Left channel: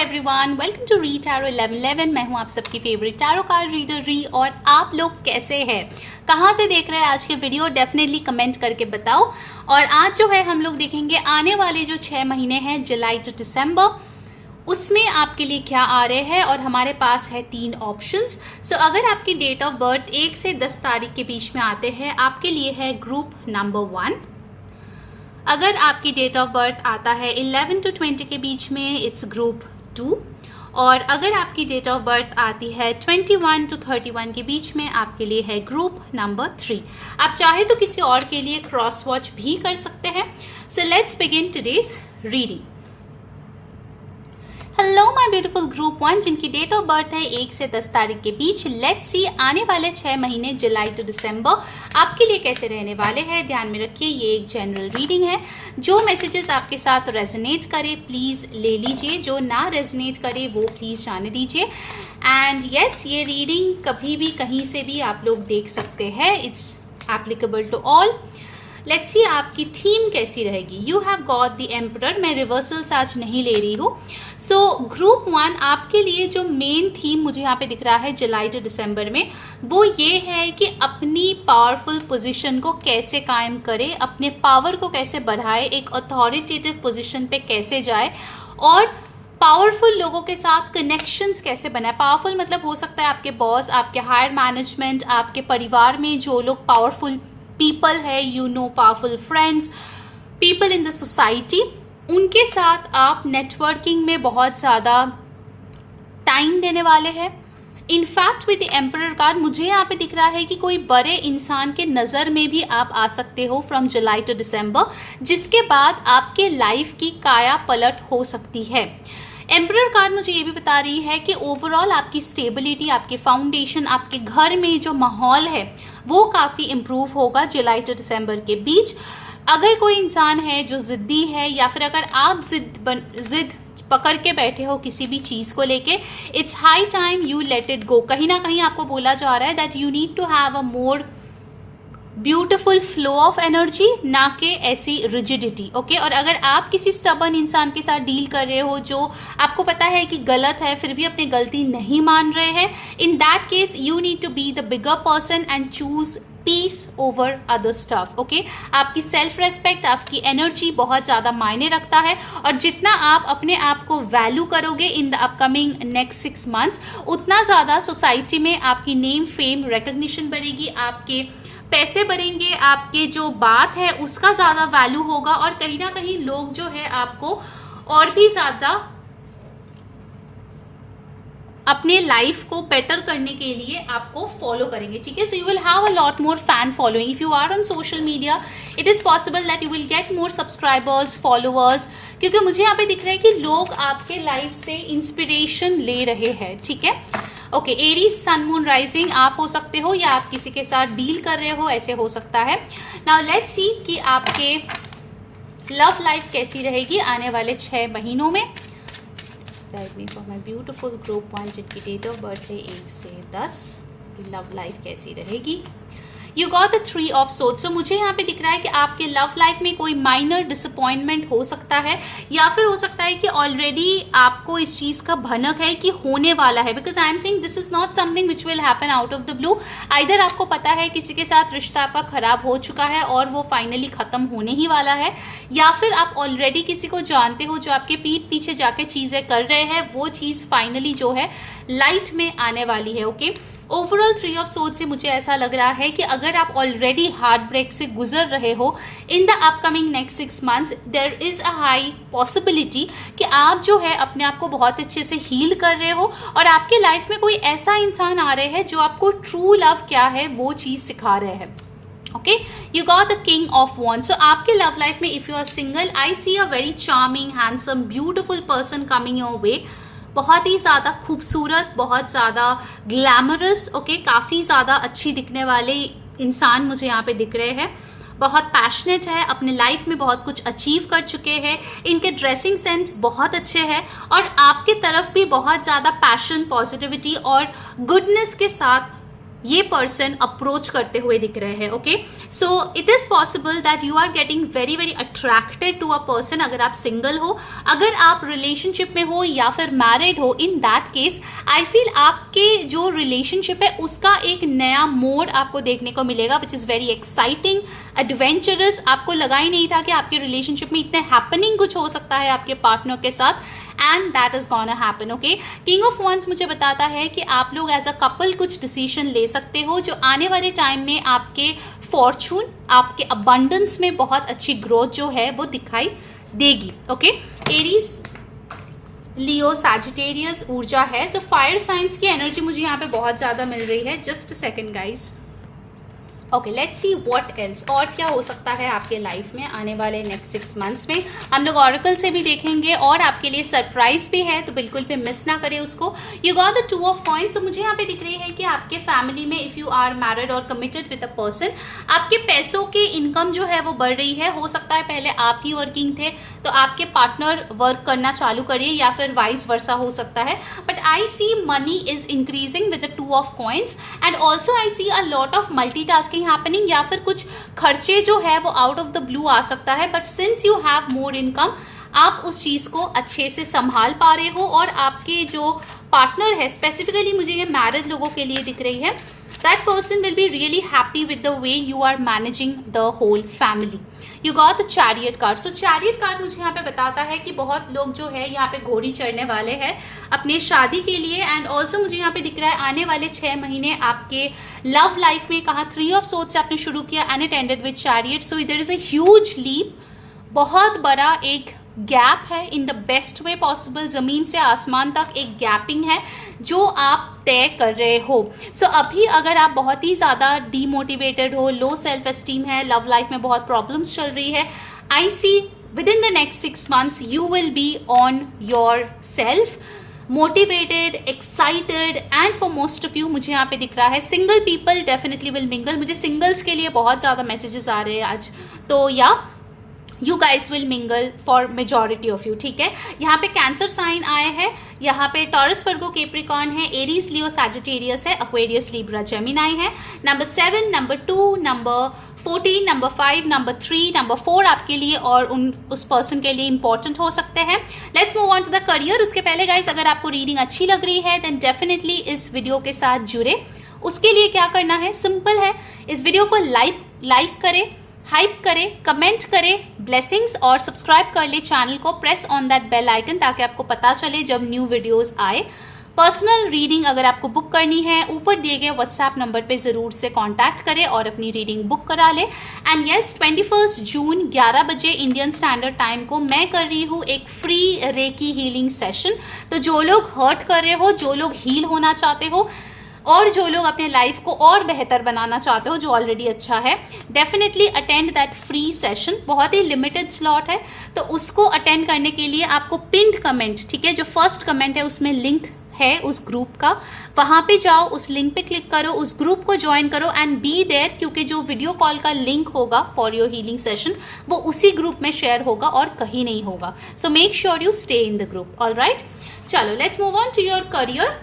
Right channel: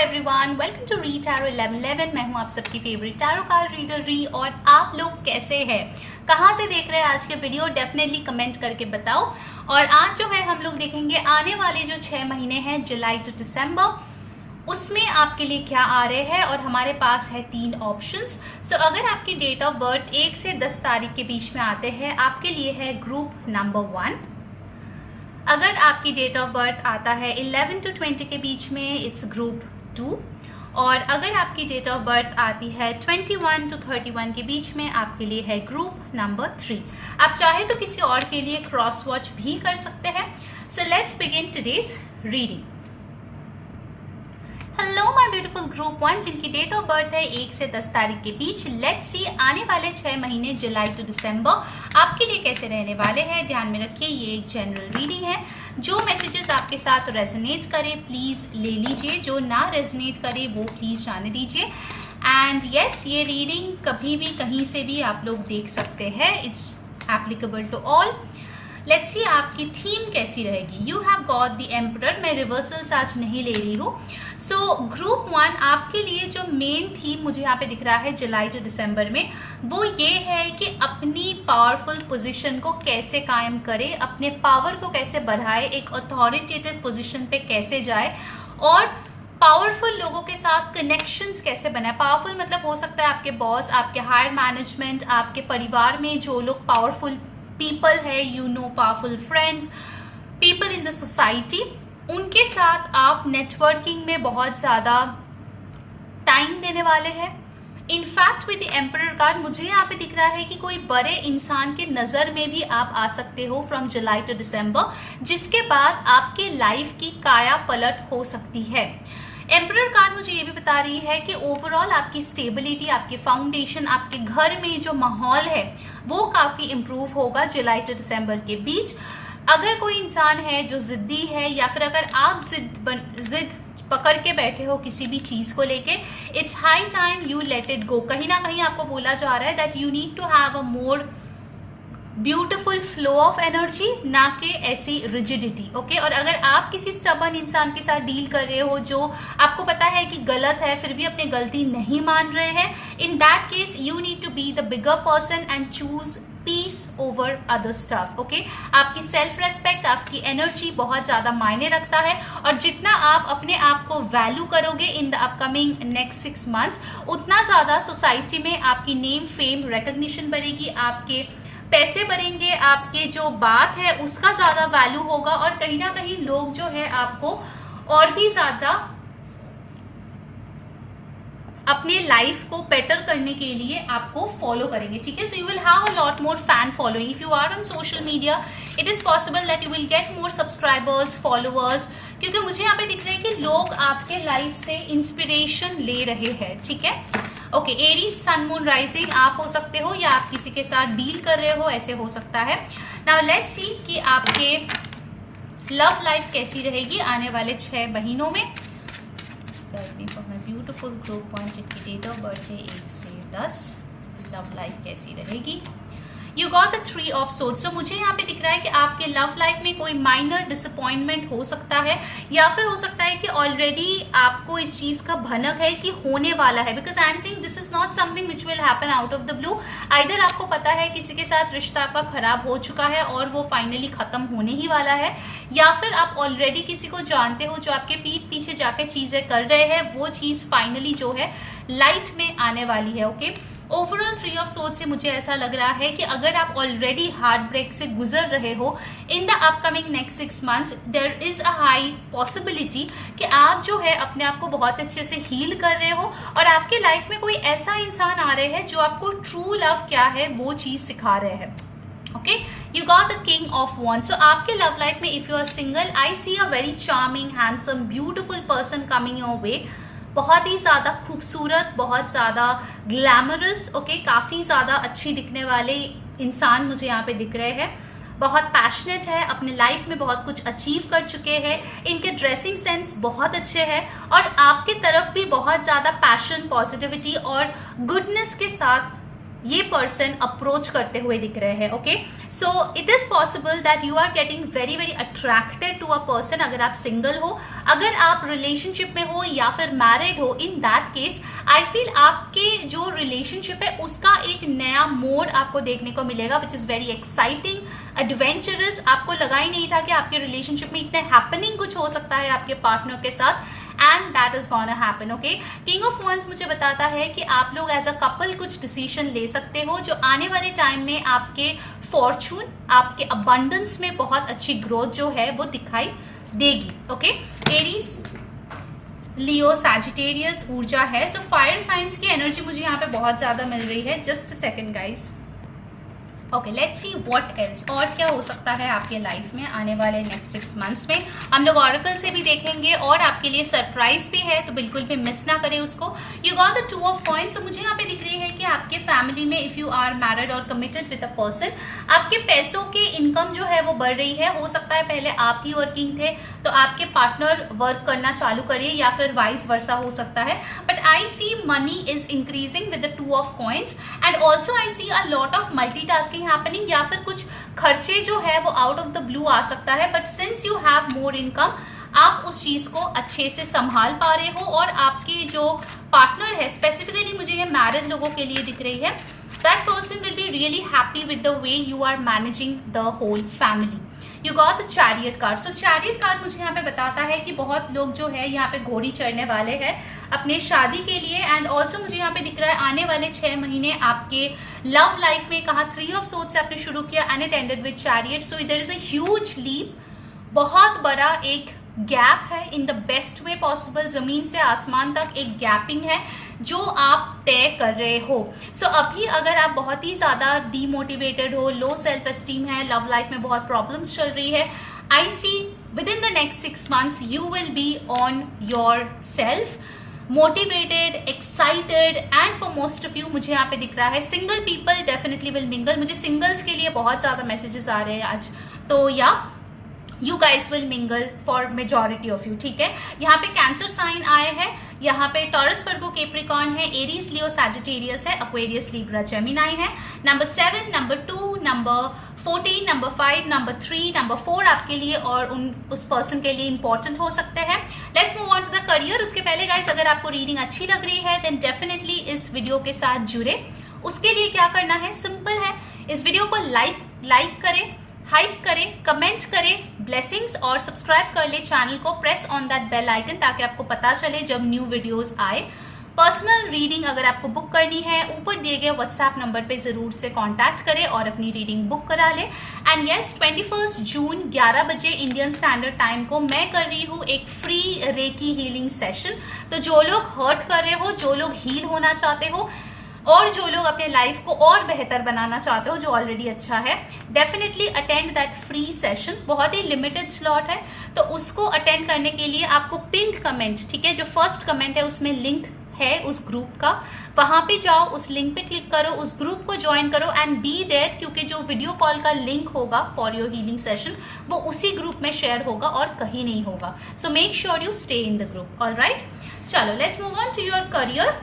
Everyone, welcome to re tarot 1111। मैं हूं आप सबकी फेवरेट टैरो कार्ड रीडर री। और आप लोग कैसे हैं, कहां से देख रहे हैं आज के वीडियो, डेफिनेटली कमेंट करके बताओ। और आज जो है हम लोग देखेंगे आने वाले जो 6 महीने हैं, जुलाई टू दिसंबर, उसमें आपके लिए क्या आ रहे हैं। और हमारे पास है 3 ऑप्शंस। सो अगर आपकी डेट ऑफ बर्थ 1 से 10 तारीख के बीच में आते हैं, आपके लिए है ग्रुप नंबर 1। अगर आपकी डेट ऑफ बर्थ आता है 11 टू 20 के बीच में, इट्स ग्रुप 2। और अगर आपकी डेट ऑफ बर्थ आती है 21 टू 31 के बीच में, आपके लिए है ग्रुप नंबर 3। आप चाहे तो किसी और के लिए क्रॉस वॉच भी कर सकते हैं। So let's begin today's reading. Hello my beautiful group 1 जिनकी डेट ऑफ बर्थ है 1 से 10 तारीख के बीच। लेट्स सी आने वाले 6 महीने जुलाई टू दिसंबर आपके लिए कैसे रहने वाले हैं। ध्यान में रखिए, ये एक जनरल रीडिंग है। जो मैसेजेस आपके साथ रेजोनेट करे प्लीज ले लीजिए, जो ना रेजोनेट करे वो प्लीज जाने दीजिए। एंड यस, ये रीडिंग कभी भी कहीं से भी आप लोग देख सकते हैं। It's applicable to all. Let's see आपकी थीम कैसी रहेगी। You have got the emperor. मैं रिवर्सल्स आज नहीं ले रही हूँ। सो ग्रुप 1 आपके लिए जो मेन थीम मुझे यहाँ पे दिख रहा है जुलाई टू दिसंबर में, वो ये है कि अपनी पावरफुल पोजीशन को कैसे कायम करे, अपने पावर को कैसे बढ़ाए, एक अथॉरिटेटिव पोजीशन पे कैसे जाए और पावरफुल लोगों के साथ कनेक्शंस कैसे बनाए। पावरफुल मतलब हो सकता है आपके बॉस, आपके हायर मैनेजमेंट, आपके परिवार में जो लोग पावरफुल पीपल है, you know, powerful friends, people in the society, उनके साथ आप नेटवर्किंग में बहुत ज़्यादा टाइम देने वाले हैं। In fact with the emperor card मुझे यहाँ पे दिख रहा है कि कोई बड़े इंसान के नज़र में भी आप आ सकते हो फ्रॉम जुलाई टू दिसंबर, जिसके बाद आपके लाइफ की काया पलट हो सकती है। एम्परर कार्ड मुझे ये भी बता रही है कि ओवरऑल आपकी स्टेबिलिटी, आपके फाउंडेशन, आपके घर में जो माहौल है वो काफ़ी इम्प्रूव होगा जुलाई टू दिसंबर के बीच। अगर कोई इंसान है जो ज़िद्दी है, या फिर अगर आप जिद पकड़ के बैठे हो किसी भी चीज़ को लेके, it's high time you let it go. कहीं ना कहीं आपको बोला जा रहा है that you need to have a more beautiful flow of energy, ना कि ऐसी रिजिडिटी। ओके, और अगर आप किसी स्टबर्न इंसान के साथ डील कर रहे हो जो आपको पता है कि गलत है फिर भी अपनी गलती नहीं मान रहे हैं, in that case you need to be the bigger person and choose peace over other stuff. Okay, आपकी सेल्फ रेस्पेक्ट, आपकी एनर्जी बहुत ज़्यादा मायने रखता है। और जितना आप अपने आप को वैल्यू करोगे इन द अपकमिंग नेक्स्ट 6 मंथ्स, उतना ज़्यादा सोसाइटी में आपकी नेम, फेम, रिकग्निशन बढ़ेगी, आपके पैसे बढ़ेंगे, आपके जो बात है उसका ज़्यादा वैल्यू होगा। और कहीं ना कहीं लोग जो है आपको और भी ज़्यादा अपने लाइफ को बेटर करने के लिए आपको फॉलो करेंगे। ठीक है, so you will have a lot more fan following. If you are on social media, it is possible that you will get more subscribers, followers, क्योंकि मुझे यहाँ पे दिख रहा है कि लोग आपके लाइफ से इंस्पिरेशन ले रहे हैं। ठीक है, okay, Aries sun moon rising आप हो सकते हो, या आप किसी के साथ डील कर रहे हो, ऐसे हो सकता है। नाउ लेट्स सी कि आपके लव लाइफ कैसी रहेगी आने वाले 6 महीनों में। ब्यूटीफुल ग्रुप 1 जिनकी डेट ऑफ बर्थ है 1 से 10, लव लाइफ कैसी रहेगी। You got the 3 of swords. So मुझे यहाँ पे दिख रहा है कि आपके लव लाइफ में कोई माइनर डिसअपॉइंटमेंट हो सकता है, या फिर हो सकता है कि ऑलरेडी आपको इस चीज़ का भनक है कि होने वाला है। Because I am saying this is not something which will happen out of the blue. Either आपको पता है किसी के साथ रिश्ता आपका खराब हो चुका है और वो फाइनली खत्म होने ही वाला है, या फिर आप ऑलरेडी किसी को जानते हो जो आपके पीठ पीछे जाके चीज़ें कर रहे हैं, वो चीज़ फाइनली जो है लाइट में आने वाली है। ओके, ओवरऑल 3 ऑफ सोर्ड्स से मुझे ऐसा लग रहा है कि अगर आप ऑलरेडी हार्ट ब्रेक से गुजर रहे हो in the upcoming next 6 months, there is a high possibility कि आप जो है अपने आप को बहुत अच्छे से हील कर रहे हो, और आपके लाइफ में कोई ऐसा इंसान आ रहे हैं जो आपको ट्रू लव क्या है वो चीज़ सिखा रहे हैं। Okay, you got the king of wands. So आपके लव लाइफ में if you are single, I see a very charming, handsome, beautiful person coming your way. बहुत ही ज़्यादा खूबसूरत, बहुत ज़्यादा ग्लैमरस, ओके, काफ़ी ज़्यादा अच्छी दिखने वाले इंसान मुझे यहाँ पे दिख रहे हैं। बहुत पैशनेट है, अपने लाइफ में बहुत कुछ अचीव कर चुके हैं, इनके ड्रेसिंग सेंस बहुत अच्छे हैं, और आपके तरफ भी बहुत ज़्यादा पैशन, पॉजिटिविटी और गुडनेस के साथ ये पर्सन अप्रोच करते हुए दिख रहे हैं. Okay, so it is possible that you are getting very very attracted to a person. अगर आप सिंगल हो, अगर आप रिलेशनशिप में हो या फिर मैरिड हो, इन दैट केस आई फील आपके जो रिलेशनशिप है उसका एक नया मोड आपको देखने को मिलेगा, विच इज वेरी एक्साइटिंग, एडवेंचरस. आपको लगा ही नहीं था कि आपके रिलेशनशिप में इतने हैपनिंग कुछ हो सकता है आपके पार्टनर के साथ, and that is gonna happen. Okay, king of wands मुझे बताता है कि आप लोग एज अ कपल कुछ डिसीजन ले सकते हो जो आने वाले टाइम में आपके फॉर्चून, आपके अबंडेंस में बहुत अच्छी ग्रोथ जो है वो दिखाई देगी. ओके, एरीज, लियो, सैजिटेरियस ऊर्जा है. सो फायर साइंस की एनर्जी मुझे यहाँ पे बहुत ज्यादा मिल रही है. Just second guys. Okay, let's see what else, और क्या हो सकता है आपके लाइफ में आने वाले नेक्स्ट 6 मंथ्स में. हम लोग ऑरेकल से भी देखेंगे और आपके लिए सरप्राइज भी है, तो बिल्कुल भी मिस ना करें उसको. You got the 2 of coins. तो मुझे यहाँ पे दिख रही है कि आपके फैमिली में इफ यू आर मैरिड और कमिटेड विद अ पर्सन, आपके पैसों के इनकम जो है वो बढ़ रही है. हो सकता है पहले आप ही वर्किंग थे तो आपके पार्टनर वर्क करना चालू करिए, या फिर वाइस वर्सा हो सकता है. But I see money is increasing with the 2 of coins, and also I see a lot of multitasking happening, या फिर कुछ खर्चे जो है वो आउट ऑफ द ब्लू आ सकता है. But since you have more income, आप उस चीज को अच्छे से संभाल पा रहे हो, और आपके जो पार्टनर है, स्पेसिफिकली मुझे ये मैरिड लोगों के लिए दिख रही है, that person will be really happy with the way you are managing the whole family. You got the chariot card. So chariot card मुझे यहाँ पे बताता है कि बहुत लोग जो है यहाँ पे घोड़ी चढ़ने वाले हैं अपने शादी के लिए. एंड ऑल्सो मुझे यहाँ पे दिख रहा है आने वाले 6 महीने आपके लव लाइफ में, कहा 3 ऑफ सोर्ड्स से आपने शुरू किया and it ended with chariot. So there is a huge leap, बहुत बड़ा एक गैप है in the best way possible. जमीन से आसमान तक एक गैपिंग है जो आप तय कर रहे हो. सो अभी अगर आप बहुत ही ज़्यादा डीमोटिवेटेड हो, लो सेल्फ एस्टीम है, लव लाइफ में बहुत प्रॉब्लम्स चल रही है, I see within the next 6 months you will be on your self, motivated, excited, and for most of you मुझे यहाँ पे दिख रहा है single people definitely will mingle. मुझे सिंगल्स के लिए बहुत ज़्यादा मैसेजेस आ रहे हैं आज, तो या you guys will mingle for majority of you. ठीक है, यहाँ पे कैंसर साइन आए हैं, यहाँ पे टॉरस, वर्गो, कैप्रिकॉर्न है, एरीज, लियो, सैजिटेरियस है, एक्वेरियस, लिब्रा, जेमिनाई है. Number 7, number 2, number 14, number 5, number 3, number 4 आपके लिए और उस पर्सन के लिए इंपॉर्टेंट हो सकते हैं. Let's move on to the career. उसके पहले गाइस, अगर आपको रीडिंग अच्छी लग रही है देन डेफिनेटली इस वीडियो के साथ जुड़े. उसके लिए क्या करना है, सिंपल है, इस वीडियो को लाइक करें, हाइप करें, कमेंट करें, ब्लेसिंग्स, और सब्सक्राइब कर ले चैनल को. Press on that bell icon ताकि आपको पता चले जब न्यू वीडियोस आए. पर्सनल रीडिंग अगर आपको बुक करनी है, ऊपर दिए गए व्हाट्सएप नंबर पे ज़रूर से कांटेक्ट करें और अपनी रीडिंग बुक करा लें. एंड यस, 21 जून 11 बजे इंडियन स्टैंडर्ड टाइम को मैं कर रही हूँ एक फ्री रेकी हीलिंग सेशन. तो जो लोग हर्ट कर रहे हो, जो लोग हील होना चाहते हो, और जो लोग अपने लाइफ को और बेहतर बनाना चाहते हो जो ऑलरेडी अच्छा है, definitely attend that free session. बहुत ही लिमिटेड स्लॉट है, तो उसको अटेंड करने के लिए आपको पिंड कमेंट, ठीक है, जो फर्स्ट कमेंट है उसमें लिंक है उस ग्रुप का, वहां पे जाओ, उस लिंक पे क्लिक करो, उस ग्रुप को ज्वाइन करो एंड बी देयर, क्योंकि जो वीडियो कॉल का लिंक होगा फॉर योर हीलिंग सेशन वो उसी ग्रुप में शेयर होगा और कहीं नहीं होगा. So make sure you stay in the group. Alright, चलो let's move on to your career.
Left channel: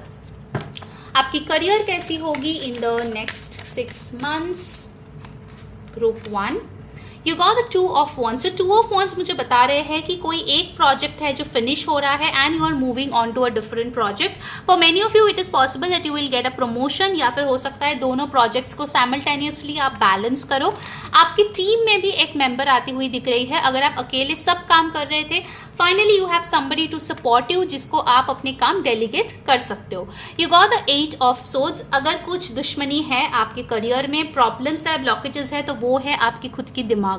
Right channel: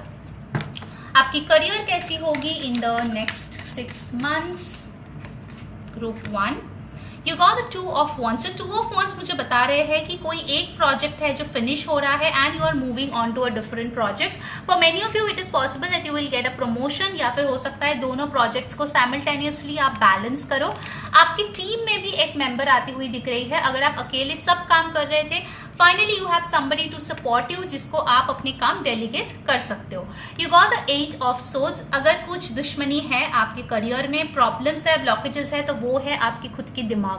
आपकी करियर कैसी होगी in the next 6 months. Group 1, you got the 2 of wands. So 2 of wands मुझे बता रहे हैं कि कोई एक प्रोजेक्ट है जो फिनिश हो रहा है and you are moving on to a different project. For many of you it is possible that you will get a promotion, या फिर हो सकता है दोनों प्रोजेक्ट्स को साइमल्टेनियसली आप बैलेंस करो. आपकी टीम में भी एक मेंबर आती हुई दिख रही है. अगर आप अकेले सब काम कर रहे थे, finally you have somebody to support you, जिसको आप अपने काम डेलीगेट कर सकते हो. You got the 8 of swords. अगर कुछ दुश्मनी है आपके करियर में, प्रॉब्लम्स है, ब्लॉकेजेस है, तो वो है आपकी खुद की दिमाग.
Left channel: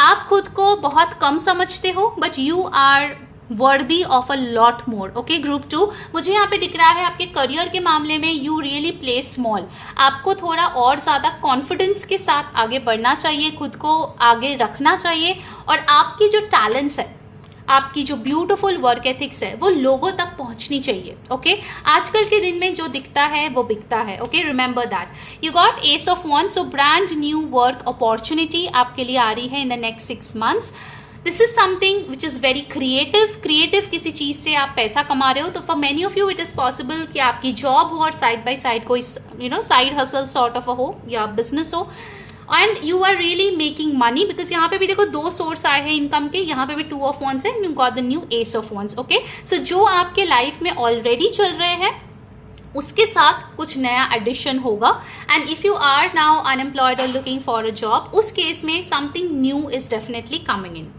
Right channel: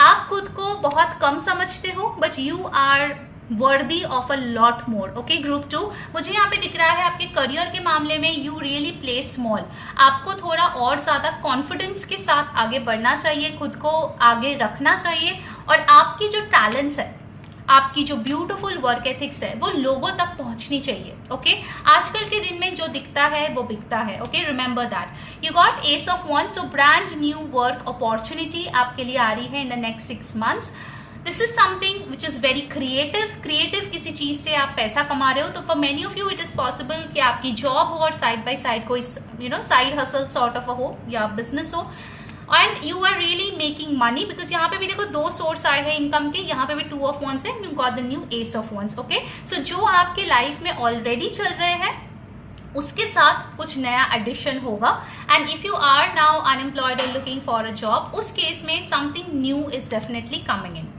आप खुद को बहुत कम समझते हो, but you are worthy of a lot more. Okay, group 2 मुझे यहाँ पे दिख रहा है आपके करियर के मामले में यू रियली प्ले स्मॉल. आपको थोड़ा और ज़्यादा कॉन्फिडेंस के साथ आगे बढ़ना चाहिए, खुद को आगे रखना चाहिए, और आपकी जो टैलेंट्स है, आपकी जो ब्यूटीफुल वर्क एथिक्स है, वो लोगों तक पहुंचनी चाहिए. ओके, आजकल के दिन में जो दिखता है वो बिकता है. Okay, remember that. You got S of wands. So brand new work opportunity आपके लिए आ रही है in the next 6 months. This is something which is very creative किसी चीज से आप पैसा कमा रहे हो, तो for many of you it is possible कि आपकी जॉब हो और साइड बाय साइड कोई साइड हसल सॉर्ट ऑफ हो या बिजनेस हो, and you are really making money, because यहाँ पे भी देखो 2 सोर्स आए हैं इनकम के, यहाँ पे भी 2 ऑफ वंस है, you got the new ace of wands. Okay, so जो आपके लाइफ में ऑलरेडी चल रहे हैं उसके साथ कुछ नया एडिशन होगा, and if you are now unemployed और लुकिंग फॉर अ जॉब, उस केस में something new is definitely coming in.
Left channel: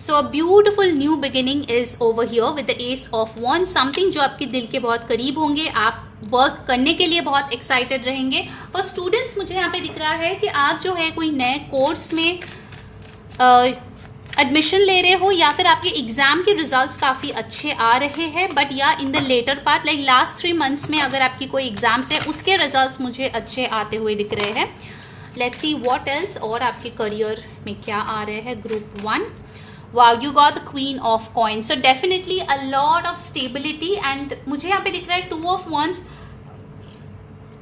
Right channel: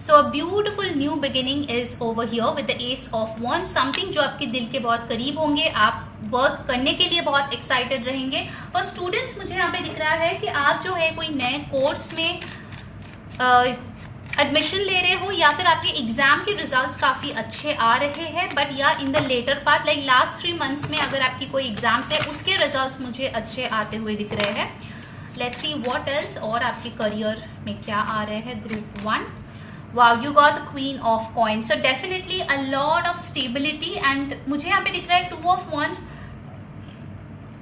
So a beautiful new beginning is over here with the Ace of Wands, something जो आपके दिल के बहुत करीब होंगे, आप वर्क करने के लिए बहुत एक्साइटेड रहेंगे। फॉर स्टूडेंट्स मुझे यहाँ पे दिख रहा है कि आप जो है कोई नए कोर्स में एडमिशन ले रहे हो, या फिर आपके एग्जाम के रिजल्ट्स काफ़ी अच्छे आ रहे हैं, बट या in the latter part like last 3 months में अगर आपकी कोई एग्जाम्स है उसके रिजल्ट्स मुझे अच्छे आते हुए दिख रहे हैं। लेट्स सी व्हाट एल्स, और आपके करियर में क्या आ रहे हैं। Group 1, wow, you got the Queen of Coins, so definitely a lot of stability, and मुझे यहाँ पे दिख रहा है 2 of Wands,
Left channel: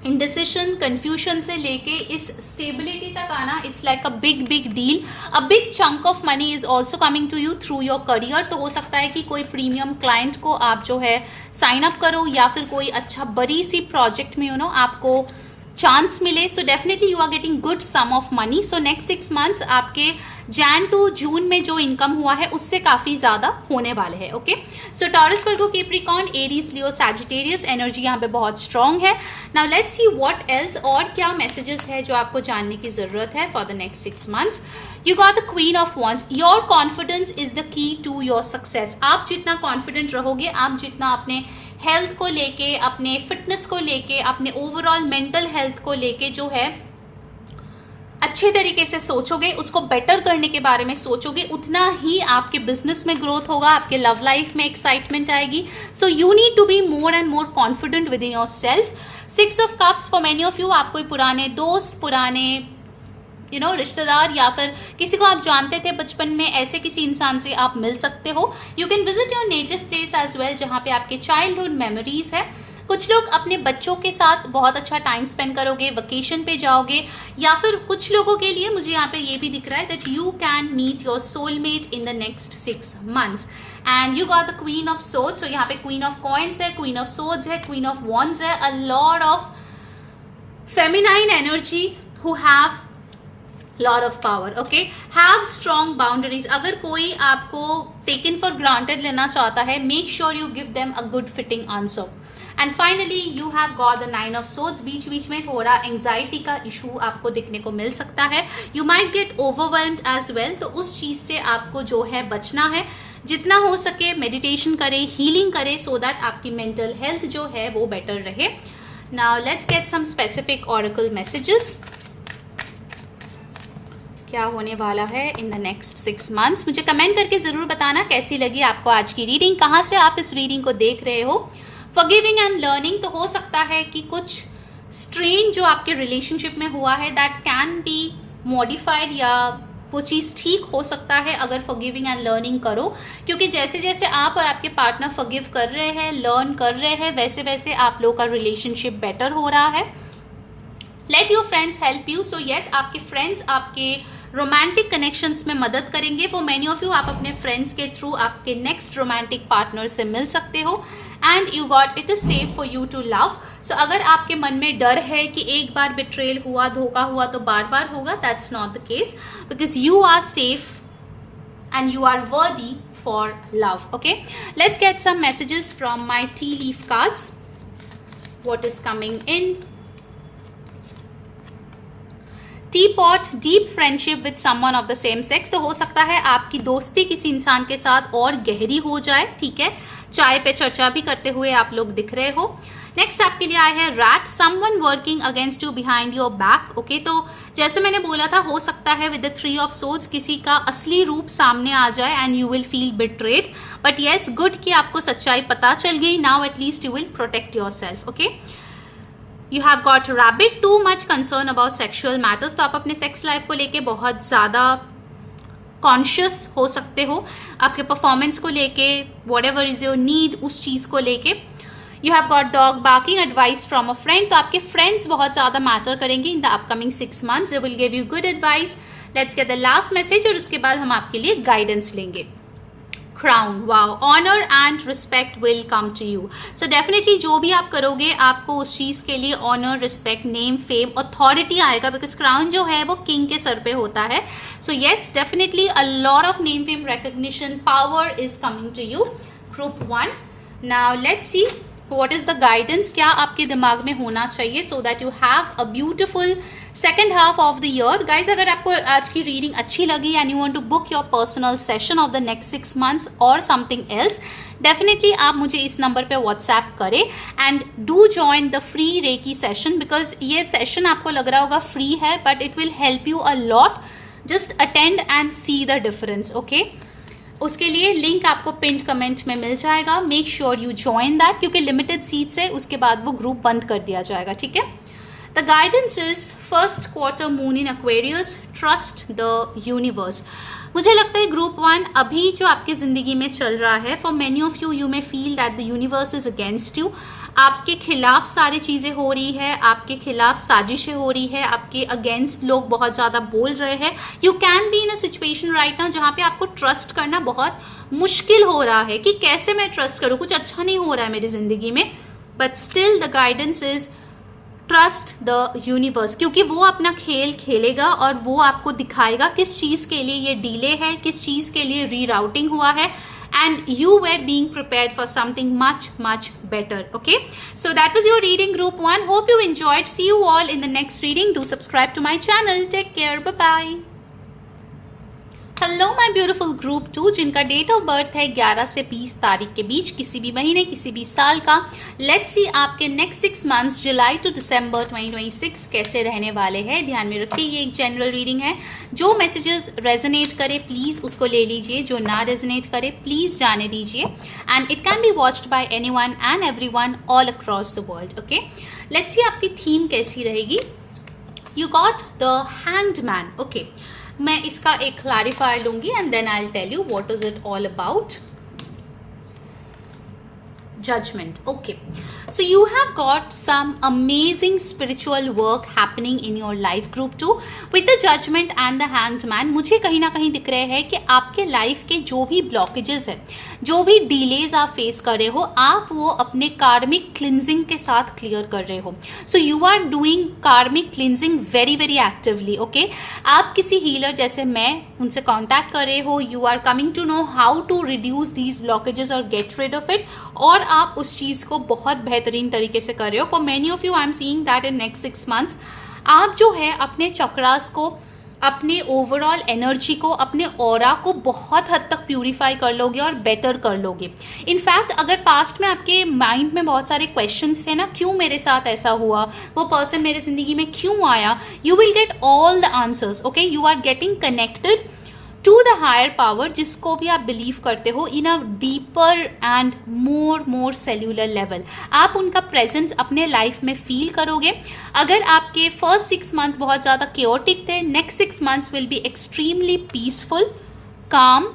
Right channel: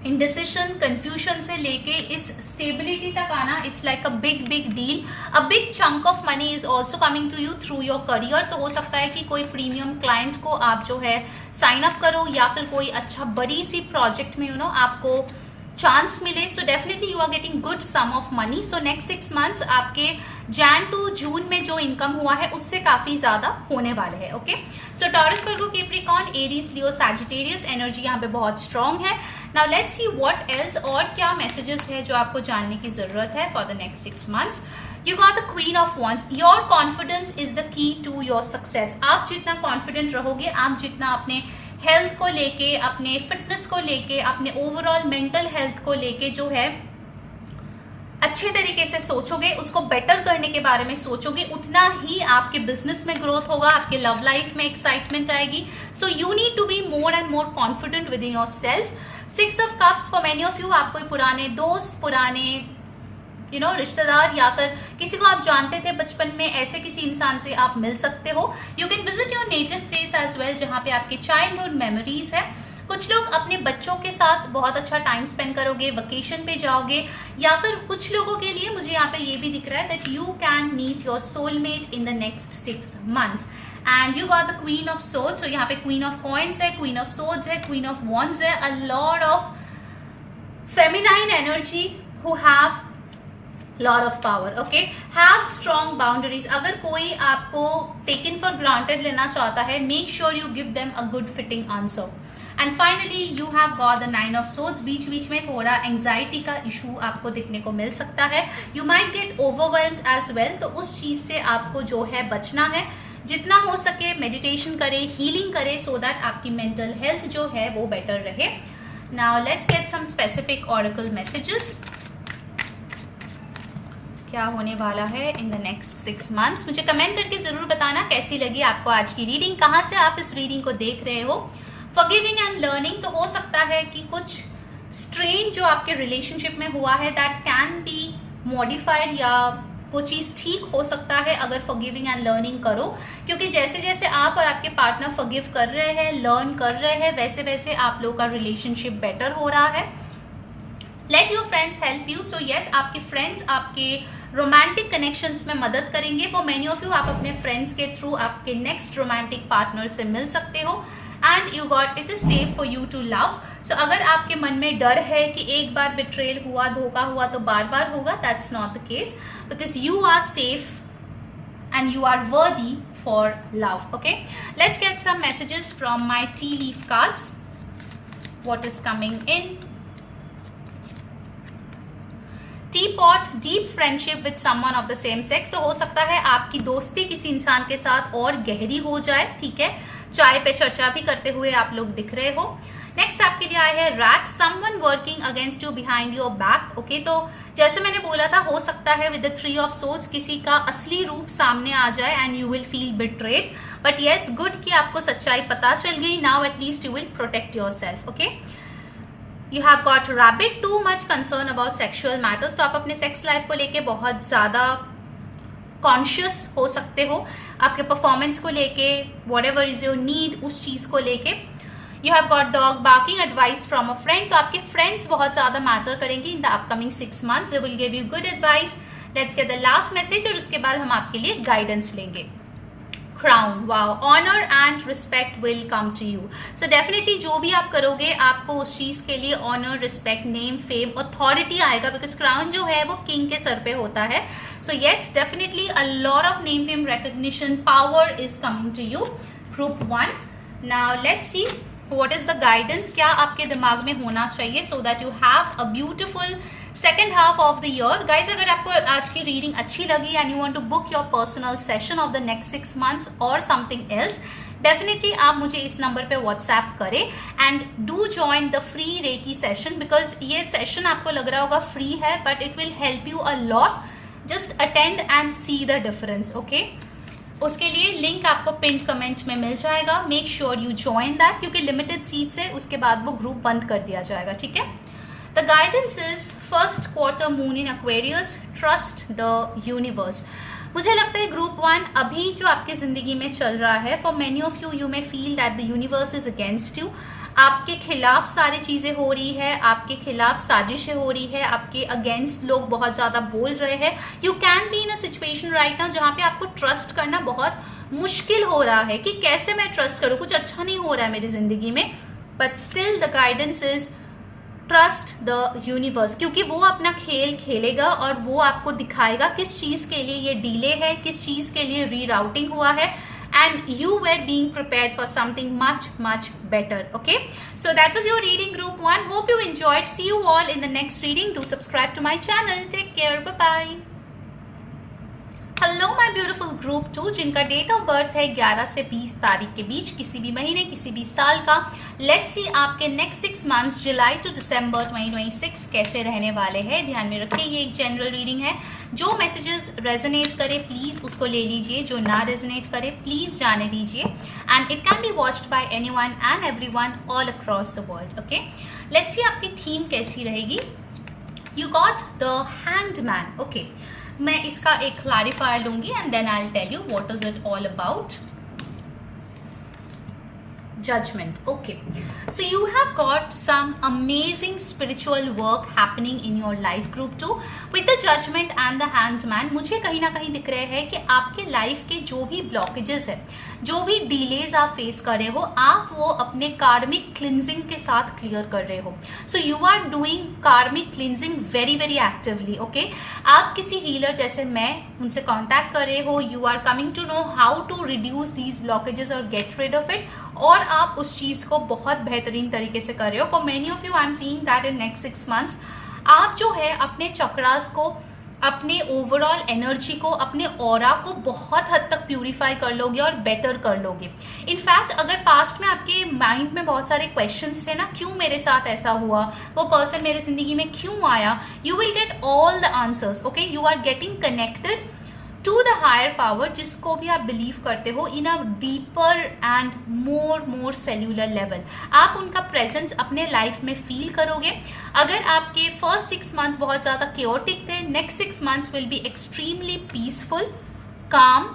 इंडिसिशन कंफ्यूजन से लेके इस स्टेबिलिटी तक आना, it's like a big deal. A big chunk of money is also coming to you through your career, तो हो सकता है कि कोई प्रीमियम क्लाइंट को आप जो है साइन अप करो, या फिर कोई अच्छा बड़ी सी प्रोजेक्ट में आपको चांस मिले। So definitely you are getting good sum of money. So next 6 months आपके जैन टू जून में जो इनकम हुआ है उससे काफी ज्यादा होने वाले हैं। ओके, सो टॉरस, वर्गो, कैप्रिकॉर्न, एरीज, लियो, सैजिटेरियस एनर्जी यहाँ पे बहुत स्ट्रांग है। Now let's see what else, और क्या मैसेजेस है जो आपको जानने की जरूरत है for the next 6 months. You got the queen of wands, your confidence is the key to your success. आप जितना कॉन्फिडेंट रहोगे, आप जितना अपने हेल्थ को लेके, अपने फिटनेस को लेके, अपने ओवरऑल मेंटल हेल्थ को लेके जो है अच्छे तरीके से सोचोगे, उसको बेटर करने के बारे में सोचोगे, उतना ही आपके बिजनेस में ग्रोथ होगा, आपके लव लाइफ में एक्साइटमेंट आएगी। So you need to be more and more confident within yourself. 6 of cups, for many of you आप कोई पुराने दोस्त, पुराने रिश्तेदार, या फिर किसी को आप जानते थे बचपन में, ऐसे किसी इंसान से आप मिल सकते हो। You can visit your native place as well, जहाँ पे आपके चाइल्डहुड मेमोरीज है। कुछ लोग अपने बच्चों के साथ बहुत अच्छा टाइम स्पेंड करोगे, वेकेशन पे जाओगे, या फिर कुछ लोगों के लिए मुझे यहाँ पे ये भी दिख रहा है that you can meet your soulmate in the next 6 months. And you got the queen of swords, so यहाँ पे क्वीन ऑफ कॉइन्स है, क्वीन ऑफ सोर्ड्स है, क्वीन ऑफ वॉन्ड्स है। A lot of feminine energy who have lot of power. Okay, have strong boundaries. अगर कोई आपको taken for granted लेना चाहता है, make sure you give them a good fitting answer. And finally you have got the 9 of swords. बीच बीच में थोड़ा एंजाइटी का इशू आपको दिखने को मिल सकता है, you might get overwhelmed as well, तो उस चीज से आपको जो है बचना है। जितना हो सके मेडिटेशन करें, हीलिंग करें, सो दैट आपकी मेंटल हेल्थ जो है वो बेटर रहे। Now let's get some specific oracle messages, क्या होने वाला है इन द नेक्स्ट 6 मंथ्स। मुझे कमेंट करके जरूर बताना कैसी लगी आपको आज की रीडिंग, कहाँ से आप इस रीडिंग को देख रहे हो। फॉरगिविंग एंड लर्निंग, तो हो सकता है कि कुछ स्ट्रेन जो आपके रिलेशनशिप में हुआ है दैट कैन बी मॉडिफाइड, या वो चीज़ ठीक हो सकता है अगर फॉरगिविंग एंड लर्निंग करो, क्योंकि जैसे जैसे आप और आपके पार्टनर फॉरगिव कर रहे हैं, लर्न कर रहे हैं, वैसे वैसे आप लोग का रिलेशनशिप बेटर हो रहा है। Let your friends help you, so yes आपके फ्रेंड्स आपके रोमांटिक कनेक्शंस में मदद करेंगे। फॉर मेनी ऑफ यू आप अपने फ्रेंड्स के थ्रू आपके नेक्स्ट रोमांटिक पार्टनर से मिल सकते हो। And you got it is safe for you to love, so अगर आपके मन में डर है कि एक बार बिट्रेल हुआ, धोखा हुआ तो बार बार होगा, that's not the case, because you are safe and you are worthy for love. Okay, let's get some messages from my tea leaf cards. What is coming in? Teapot, deep friendship with someone of the same sex. तो हो सकता है आपकी दोस्ती किसी इंसान के साथ और गहरी हो जाए, ठीक है, चाय पे चर्चा भी करते हुए आप लोग दिख रहे हो। नेक्स्ट आपके लिए आया है rat, someone working against you behind your back. Okay, तो जैसे मैंने बोला था, हो सकता है विद द 3 ऑफ सोर्ड्स किसी का असली रूप सामने आ जाए and you will feel betrayed, but yes good कि आपको सच्चाई पता चल गई। Now at least you will protect your self. Okay, you have got rabbit, too much concern about sexual matters, तो आप अपने सेक्स लाइफ को लेके बहुत ज़्यादा कॉन्शियस हो सकते हो, आपके परफॉर्मेंस को लेके, whatever is your need, उस चीज़ को लेके। You have got dog barking, advice from a friend, तो आपके फ्रेंड्स बहुत ज्यादा मैटर करेंगे in the upcoming 6 months. They will give you good advice. Let's get the last message और उसके बाद हम आपके लिए गाइडेंस लेंगे. Crown, wow, honour and respect will come to you. So definitely जो भी आप करोगे आपको उस चीज के लिए honour, respect, name, fame, authority आएगा, बिकॉज क्राउन जो है वो किंग के सर पे होता है. So yes, definitely a lot of name, fame, recognition, power is coming to you. Group 1. Now let's see what is the guidance. क्या आपके दिमाग में होना चाहिए so that you have a beautiful second half of the year. Guys, अगर आपको आज की रीडिंग अच्छी लगी and you want to book your personal session of the next 6 months और समथिंग एल्स, डेफिनेटली आप मुझे इस नंबर पे व्हाट्सएप करें and do join the free reiki session. Because ये सेशन आपको लग रहा होगा फ्री है, but it will help you a lot. Just attend and see the difference. Okay, उसके लिए लिंक आपको पिन कमेंट में मिल जाएगा. Make sure you join that, क्योंकि लिमिटेड सीट्स है, उसके बाद वो ग्रुप बंद कर दिया जाएगा. ठीक है. The guidance is first quarter moon in Aquarius. Trust the universe. मुझे लगता है ग्रुप 1 अभी जो आपकी जिंदगी में चल रहा है, for many of you, you may feel that the universe is against you. आपके खिलाफ सारी चीजें हो रही है, आपके खिलाफ साजिशें हो रही है, आपके अगेंस्ट लोग बहुत ज्यादा बोल रहे हैं. You can be in a situation right now जहां पे आपको ट्रस्ट करना बहुत मुश्किल हो रहा है कि कैसे मैं ट्रस्ट करूं, कुछ अच्छा नहीं हो रहा है मेरी जिंदगी में. But still the guidance is trust the universe, क्योंकि वो अपना खेल खेलेगा और वो आपको दिखाएगा किस चीज के लिए ये डिले है, किस चीज के लिए रीराउटिंग हुआ है, and you were being prepared for something much better. Okay, so that was your reading, group 1. Hope you enjoyed. See you all in the next reading. Do subscribe to my channel. Take care. Bye bye. Hello my beautiful group 2, जिनका date of birth है 11 से 20 तारीख के बीच, किसी भी महीने, किसी भी साल का. लेट्स सी आपके नेक्स्ट 6 months जुलाई टू दिसंबर 2026 कैसे रहने वाले हैं. ध्यान में रखिए ये एक जनरल रीडिंग है. जो मैसेजेस रेजोनेट करे प्लीज उसको ले लीजिए, जो ना रेजोनेट करे प्लीज जाने दीजिए. And it can be watched by anyone and everyone all across the world. Okay, let's see आपकी थीम कैसी रहेगी. You got the hanged man. Okay, मैं इसका एक क्लैरिफायर दूंगी and then I will tell you what is it all about. Judgment. Okay, so you have got some amazing spiritual work happening in your life, group 2. with the Judgment and the Hanged Man, मुझे कहीं ना कहीं दिख रहे हैं कि आपके life के जो भी ब्लॉकेजेस है, जो भी डिलेज आप फेस कर रहे हो, आप वो अपने कार्मिक क्लिनजिंग के साथ क्लियर कर रहे हो. सो यू आर डूइंग कार्मिक cleansing very very actively. Okay, आप किसी हीलर जैसे मैं उनसे कॉन्टैक्ट कर रहे हो. You are coming to know how to reduce these blockages और गेट रिड ऑफ इट, और आप उस चीज को बहुत बेहतरीन तरीके से कर रहे हो. For many of you I am seeing that in next 6 months आप जो है अपने चक्रास को, अपने ओवरऑल एनर्जी को, अपने ऑरा को बहुत हद तक प्यूरिफाई कर लोगे और बेटर कर लोगे. इनफैक्ट अगर पास्ट में आपके माइंड में बहुत सारे क्वेश्चंस थे ना, क्यों मेरे साथ ऐसा हुआ, वो पर्सन मेरे जिंदगी में क्यों आया, you will get all the answers. Okay, you are getting connected to the higher power, जिसको भी आप बिलीव करते हो, in a deeper and more cellular level. आप उनका प्रेजेंस अपने लाइफ में फील करोगे. अगर आपके फर्स्ट 6 months बहुत ज़्यादा केओटिक थे, next 6 months will be extremely peaceful, काम.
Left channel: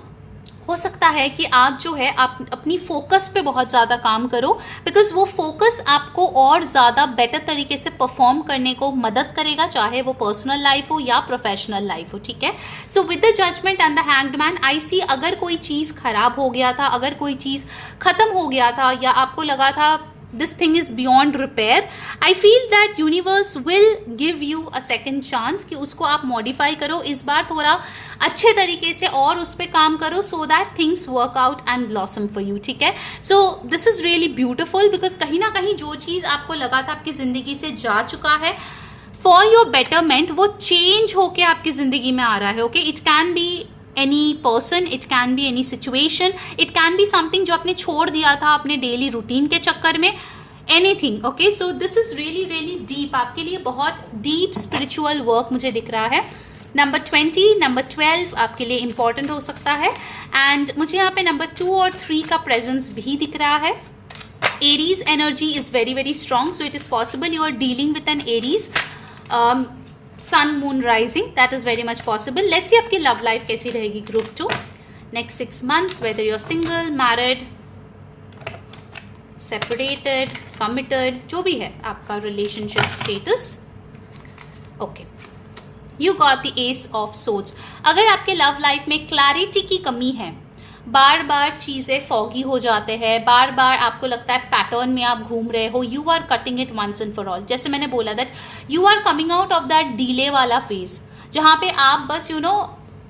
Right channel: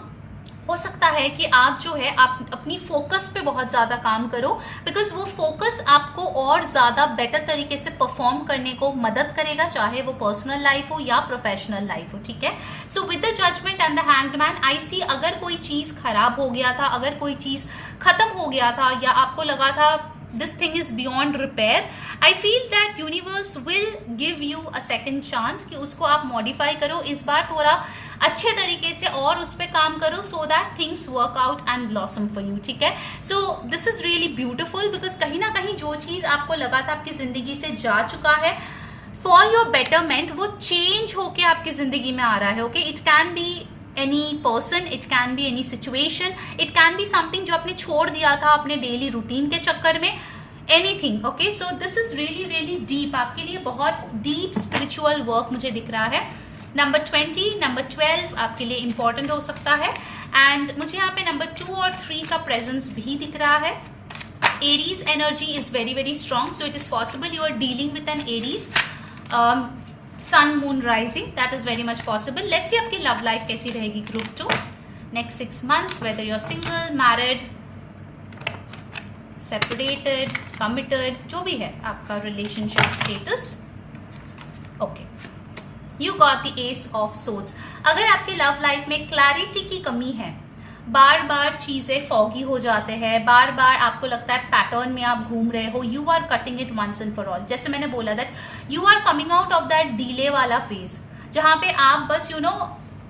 हो सकता है कि आप जो है आप अपनी फोकस पे बहुत ज़्यादा काम करो, बिकॉज वो फोकस आपको और ज़्यादा बेटर तरीके से परफॉर्म करने को मदद करेगा, चाहे वो पर्सनल लाइफ हो या प्रोफेशनल लाइफ हो. ठीक है. So with the judgement and the hanged man I see, अगर कोई चीज़ खराब हो गया था, अगर कोई चीज़ खत्म हो गया था, या आपको लगा था this thing is beyond repair, I feel that universe will give you a second chance कि उसको आप modify करो, इस बार थोड़ा अच्छे तरीके से और उस पर काम करो, so that things work out and blossom for you. ठीक है. so this is really beautiful because कहीं ना कहीं जो चीज़ आपको लगा था आपकी ज़िंदगी से जा चुका है, for your betterment, वो change होके आपकी ज़िंदगी में आ रहा है. okay, it can be any person, it can be any situation, it can be something जो आपने छोड़ दिया था अपने डेली रूटीन के चक्कर में, anything. okay, so this is really deep, आपके लिए बहुत deep spiritual work मुझे दिख रहा है. नंबर 20, नंबर 12 आपके लिए इंपॉर्टेंट हो सकता है. एंड मुझे यहाँ पे नंबर 2 और 3 का प्रेजेंस भी दिख रहा है. Aries energy is very strong, so it is possible you are dealing with an Aries sun moon rising, that is very much possible. let's see आपकी love life कैसी रहेगी group 2 next 6 months, whether you're single, married, separated, committed, जो भी है आपका relationship status. Okay, you got the S of swords. अगर आपके love life में क्लैरिटी की कमी है, बार बार चीजें फॉगी हो जाते हैं, बार बार आपको लगता है पैटर्न में आप घूम रहे हो, you are cutting it once and for all. जैसे मैंने बोला that you are coming out of that delay वाला फेज, जहाँ पे आप बस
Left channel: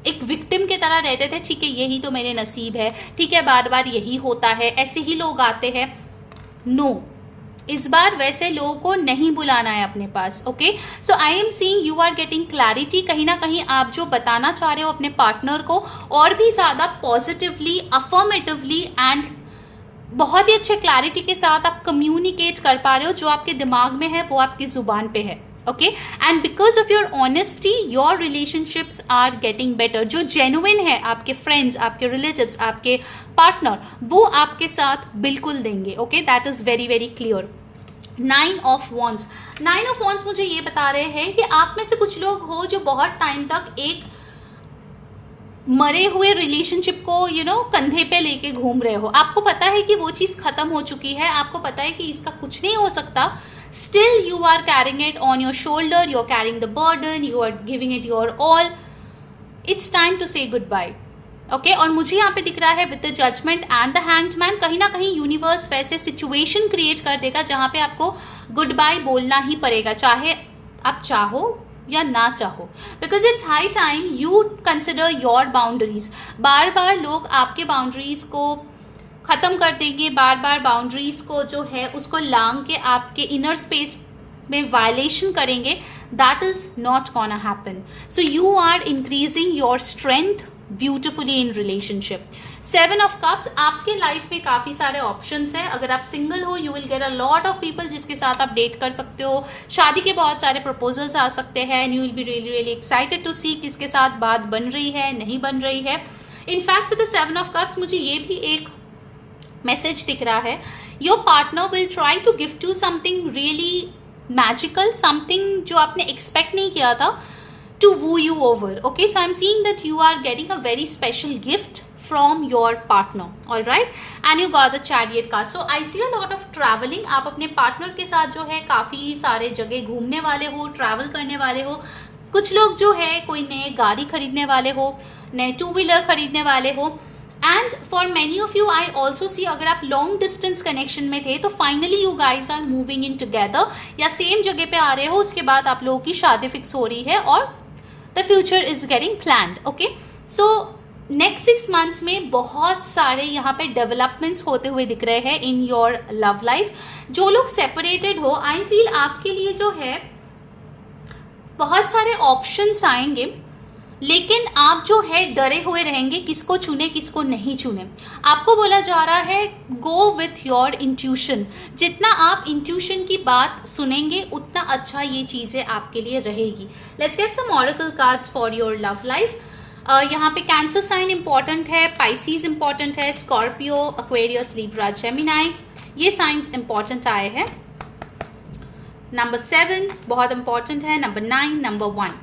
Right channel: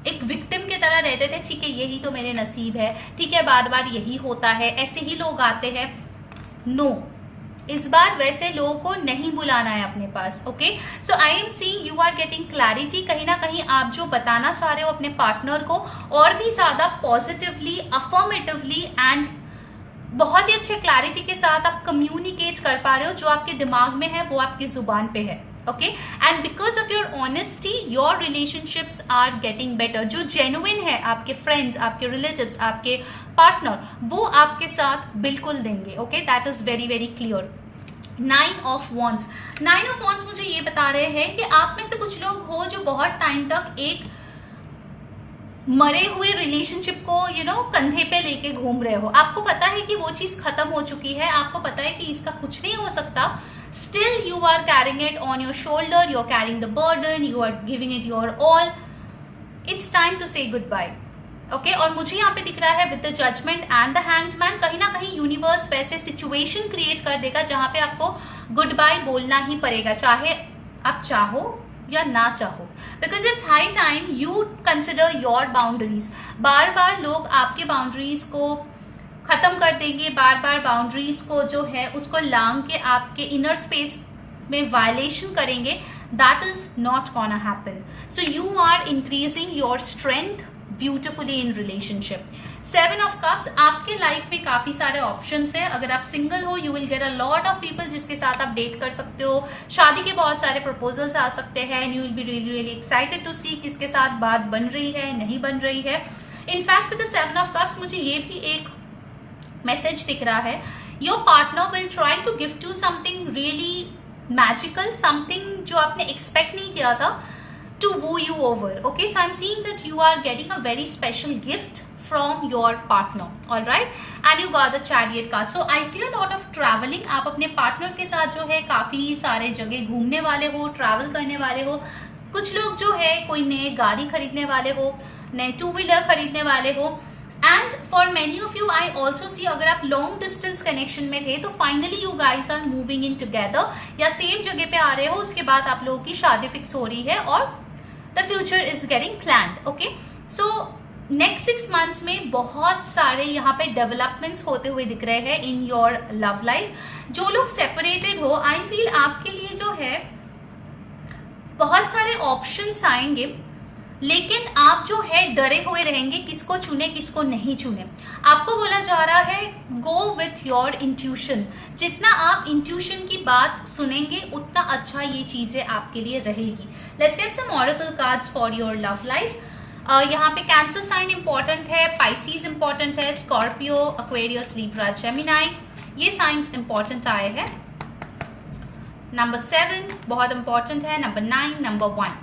एक विक्टिम की तरह रहते थे। ठीक है, यही तो मेरे नसीब है, ठीक है, बार बार यही होता है, ऐसे ही लोग आते हैं। नो, इस बार वैसे लोगों को नहीं बुलाना है अपने पास। Okay, so I am seeing you are getting clarity. कहीं ना कहीं आप जो बताना चाह रहे हो अपने पार्टनर को और भी ज्यादा पॉजिटिवली, अफर्मेटिवली एंड बहुत ही अच्छे क्लैरिटी के साथ आप कम्युनिकेट कर पा रहे हो। जो आपके दिमाग में है वो आपकी जुबान पे है। Okay, and because of your honesty your relationships are getting better. जो जेन्युइन है, आपके फ्रेंड्स, आपके रिलेटिव्स, आपके पार्टनर, वो आपके साथ बिल्कुल देंगे। Okay, that is very very clear. 9 of wands. 9 of wands मुझे ये बता रहे हैं कि आप में से कुछ लोग हो जो बहुत टाइम तक एक मरे हुए रिलेशनशिप को कंधे पे लेके घूम रहे हो। आपको पता है कि वो चीज खत्म हो चुकी है, आपको पता है कि इसका कुछ नहीं हो सकता, still you are carrying it on your shoulder, you are carrying the burden, you are giving it your all. It's time to say goodbye. Okay, और मुझे यहाँ पे दिख रहा है with the judgement and the hangman, कहीं ना कहीं यूनिवर्स वैसे सिचुएशन क्रिएट कर देगा जहां पे आपको गुड बाय बोलना ही पड़ेगा, चाहे आप चाहो या ना चाहो, because it's high time you consider your boundaries. बार बार लोग आपके बाउंड्रीज को खत्म कर देंगे, बार बार बाउंड्रीज को जो है उसको लांग के आपके इनर स्पेस में वायलेशन करेंगे। That is not gonna happen. So you are increasing your strength beautifully in relationship. 7 of cups, आपके लाइफ में काफी सारे ऑप्शंस हैं। अगर आप सिंगल हो, you will get a lot of people जिसके साथ आप डेट कर सकते हो। शादी के बहुत सारे प्रपोजल्स आ सकते हैं and you will be really really excited to see किसके साथ बात बन रही है, नहीं बन रही है। In fact with the 7 of cups मुझे ये भी एक मैसेज दिख रहा है, your partner will try to give to something really magical, something जो आपने एक्सपेक्ट नहीं किया था, to woo you over. Okay, so I'm seeing that you are getting a very special gift from your partner. All right, and you got the chariot card. So I see a lot of traveling. आप अपने partner के साथ जो है काफी सारे जगह घूमने वाले हो, ट्रैवल करने वाले हो। कुछ लोग जो है कोई नए गाड़ी खरीदने वाले हो, नए 2 व्हीलर खरीदने वाले हो। And for many of you I also see, अगर आप लॉन्ग डिस्टेंस कनेक्शन में थे तो finally you guys are moving in together, या सेम जगह पे आ रहे हो, उसके बाद आप लोगों की शादी फिक्स हो रही है और the future is getting planned. Okay, so next 6 months में बहुत सारे यहाँ पे डेवलपमेंट्स होते हुए दिख रहे हैं इन योर लव लाइफ। जो लोग सेपरेटेड हो, आई फील आपके लिए जो है बहुत सारे ऑप्शंस आएंगे, लेकिन आप जो है डरे हुए रहेंगे किसको चुने किसको नहीं चुने। आपको बोला जा रहा है गो विथ योर इंट्यूशन। जितना आप इंट्यूशन की बात सुनेंगे उतना अच्छा ये चीजें आपके लिए रहेगी। Let's get some oracle cards for your love life. यहाँ पे कैंसर साइन इंपॉर्टेंट है, पाइसीज इंपॉर्टेंट है, स्कॉर्पियो, एक्वेरियस, लिब्रा, जेमिनाई, ये साइंस इंपॉर्टेंट आए हैं। नंबर 7 बहुत इंपॉर्टेंट है, number 9, number 1।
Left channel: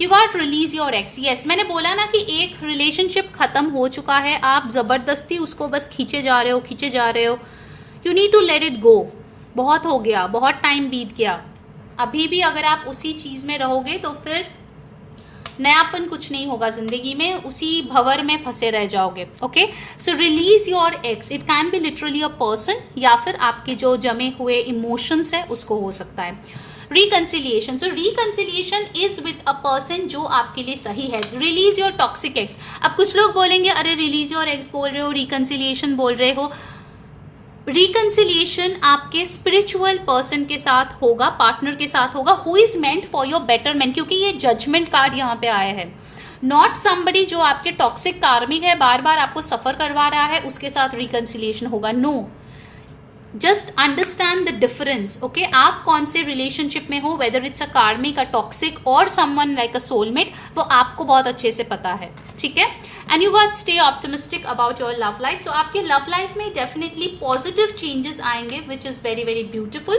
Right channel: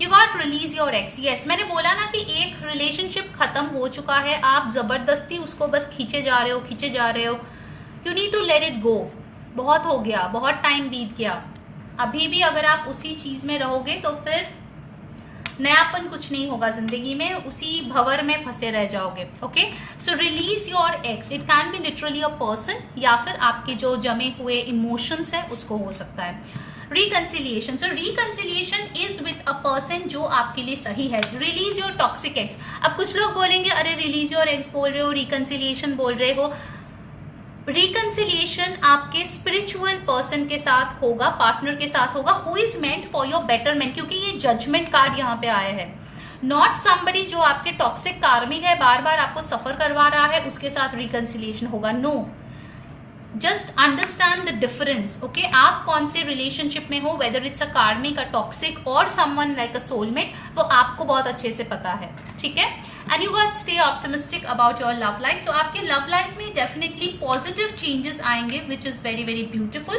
You got release your ex. Yes, मैंने बोला ना कि एक रिलेशनशिप खत्म हो चुका है, आप जबरदस्ती उसको बस खींचे जा रहे हो। You need to let it go. बहुत हो गया, बहुत टाइम बीत गया। अभी भी अगर आप उसी चीज में रहोगे तो फिर नयापन कुछ नहीं होगा जिंदगी में, उसी भंवर में फंसे रह जाओगे। Okay, so release your x. It can B literally a person या फिर आपके जो जमे हुए इमोशंस है उसको हो सकता है। Reconciliation, so reconciliation is with a person जो आपके लिए सही है। Release your toxic x. अब कुछ लोग बोलेंगे अरे रिलीज योर एक्स बोल रहे हो, रिकंसिलिएशन बोल रहे हो। रिकंसिलिएशन आपके स्पिरिचुअल पर्सन के साथ होगा, पार्टनर के साथ होगा, who is meant for your betterment, क्योंकि ये जजमेंट कार्ड यहाँ पे आया है। नॉट समबडी जो आपके टॉक्सिक कार्मिक है, बार बार आपको सफर करवा रहा है, उसके साथ रिकंसिलिएशन होगा। No, just understand the difference. Okay, आप कौन से रिलेशनशिप में हो, weather it's a karmic, a toxic और समवन लाइक अ सोलमेट, वो आपको बहुत अच्छे से पता है। ठीक है, and you got stay optimistic about your love life. So आपके लव लाइफ में डेफिनेटली पॉजिटिव चेंजेस आएंगे which is very very beautiful.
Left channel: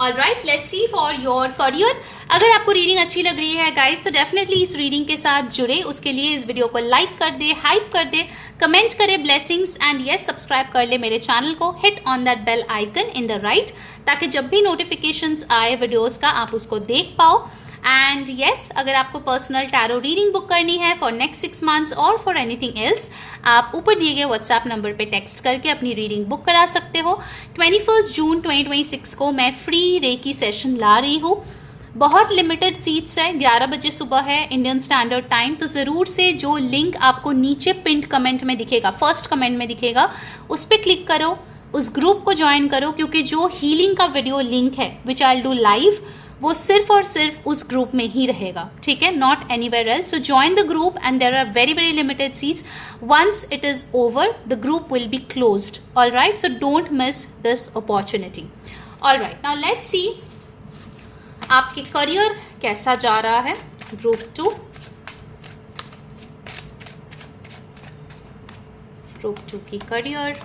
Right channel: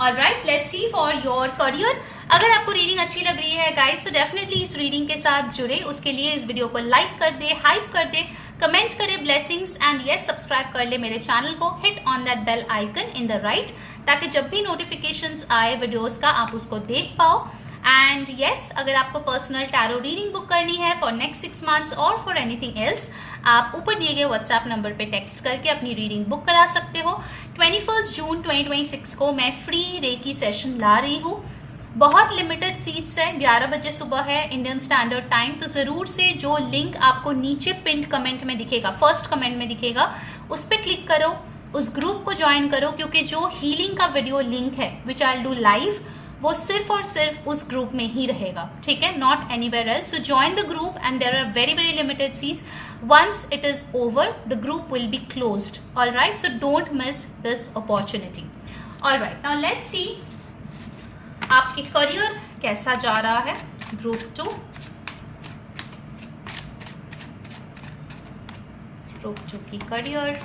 Alright, let's see for your career. अगर आपको रीडिंग अच्छी लग रही है गाइस तो डेफिनेटली इस रीडिंग के साथ जुड़े। उसके लिए इस वीडियो को लाइक कर दे, हाइप कर दे, कमेंट करे ब्लेसिंग्स एंड यस सब्सक्राइब कर ले मेरे चैनल को, hit on that bell icon in the right, ताकि जब भी नोटिफिकेशंस आए वीडियोस का आप उसको देख पाओ। एंड यस, अगर आपको पर्सनल टैरो रीडिंग बुक करनी है फॉर नेक्स्ट 6 मंथ्स और फॉर एनीथिंग एल्स, आप ऊपर दिए गए व्हाट्सएप नंबर पे टेक्स्ट करके अपनी रीडिंग बुक करा सकते हो। 21 जून 2026 को मैं फ्री रेकी सेशन ला रही हूँ। बहुत लिमिटेड सीट्स है, 11 बजे सुबह है इंडियन स्टैंडर्ड टाइम। तो ज़रूर से जो लिंक आपको नीचे पिंड कमेंट में दिखेगा, फर्स्ट कमेंट में दिखेगा, उस पर क्लिक करो, उस ग्रुप को ज्वाइन करो, क्योंकि जो हीलिंग का वीडियो लिंक है विच आई विल डू लाइव, वो सिर्फ और सिर्फ उस ग्रुप में ही रहेगा, ठीक है, not anywhere else. So join the group and there are very very limited seats. Once it is over the group will be closed, alright, so don't miss this opportunity. Alright, now let's see आपके career कैसा जा रहा है। Group 2 की career,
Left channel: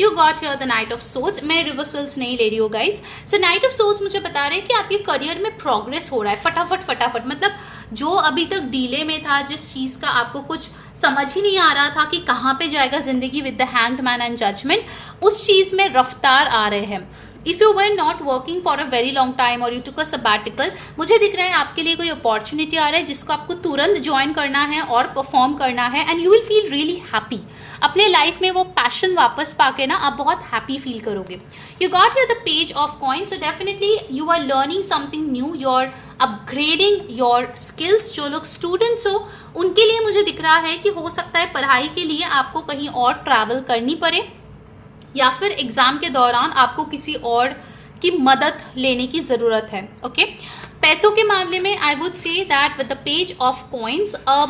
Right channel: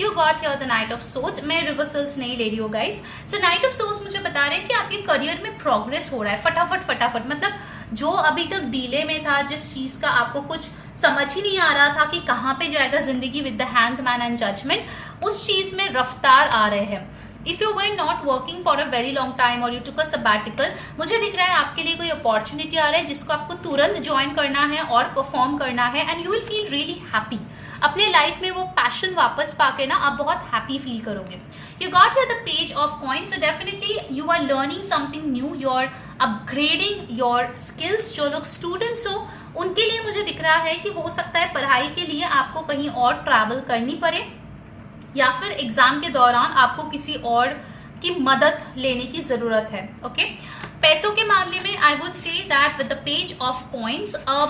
you got here the knight of swords. मैं reversals नहीं ले रही हूँ guys. So knight of swords मुझे बता रहे हैं कि आपके करियर में प्रोग्रेस हो रहा है फटाफट, मतलब जो अभी तक डीले में था, जिस चीज का आपको कुछ समझ ही नहीं आ रहा था कि कहाँ पे जाएगा जिंदगी with the hanged man and judgment, उस चीज में रफ्तार आ रहे हैं। If you were not working for a very long time और यू टुक अ सबैटिकल, मुझे दिख रहा है आपके लिए कोई अपॉर्चुनिटी आ रहा है जिसको आपको तुरंत ज्वाइन करना है और परफॉर्म करना है and you will feel really happy. अपने लाइफ में वो पैशन वापस पाके ना आप बहुत हैप्पी फील करोगे। You got here the page of coin, so definitely you are learning something new, you are upgrading your skills. जो लोग स्टूडेंट्स हो उनके लिए मुझे दिख रहा है कि हो सकता है पढ़ाई के लिए आपको कहीं और ट्रैवल करनी पड़े, या फिर एग्जाम के दौरान आपको किसी और की मदद लेने की जरूरत है। ओके, पैसों के मामले में I would say that with the page of coins a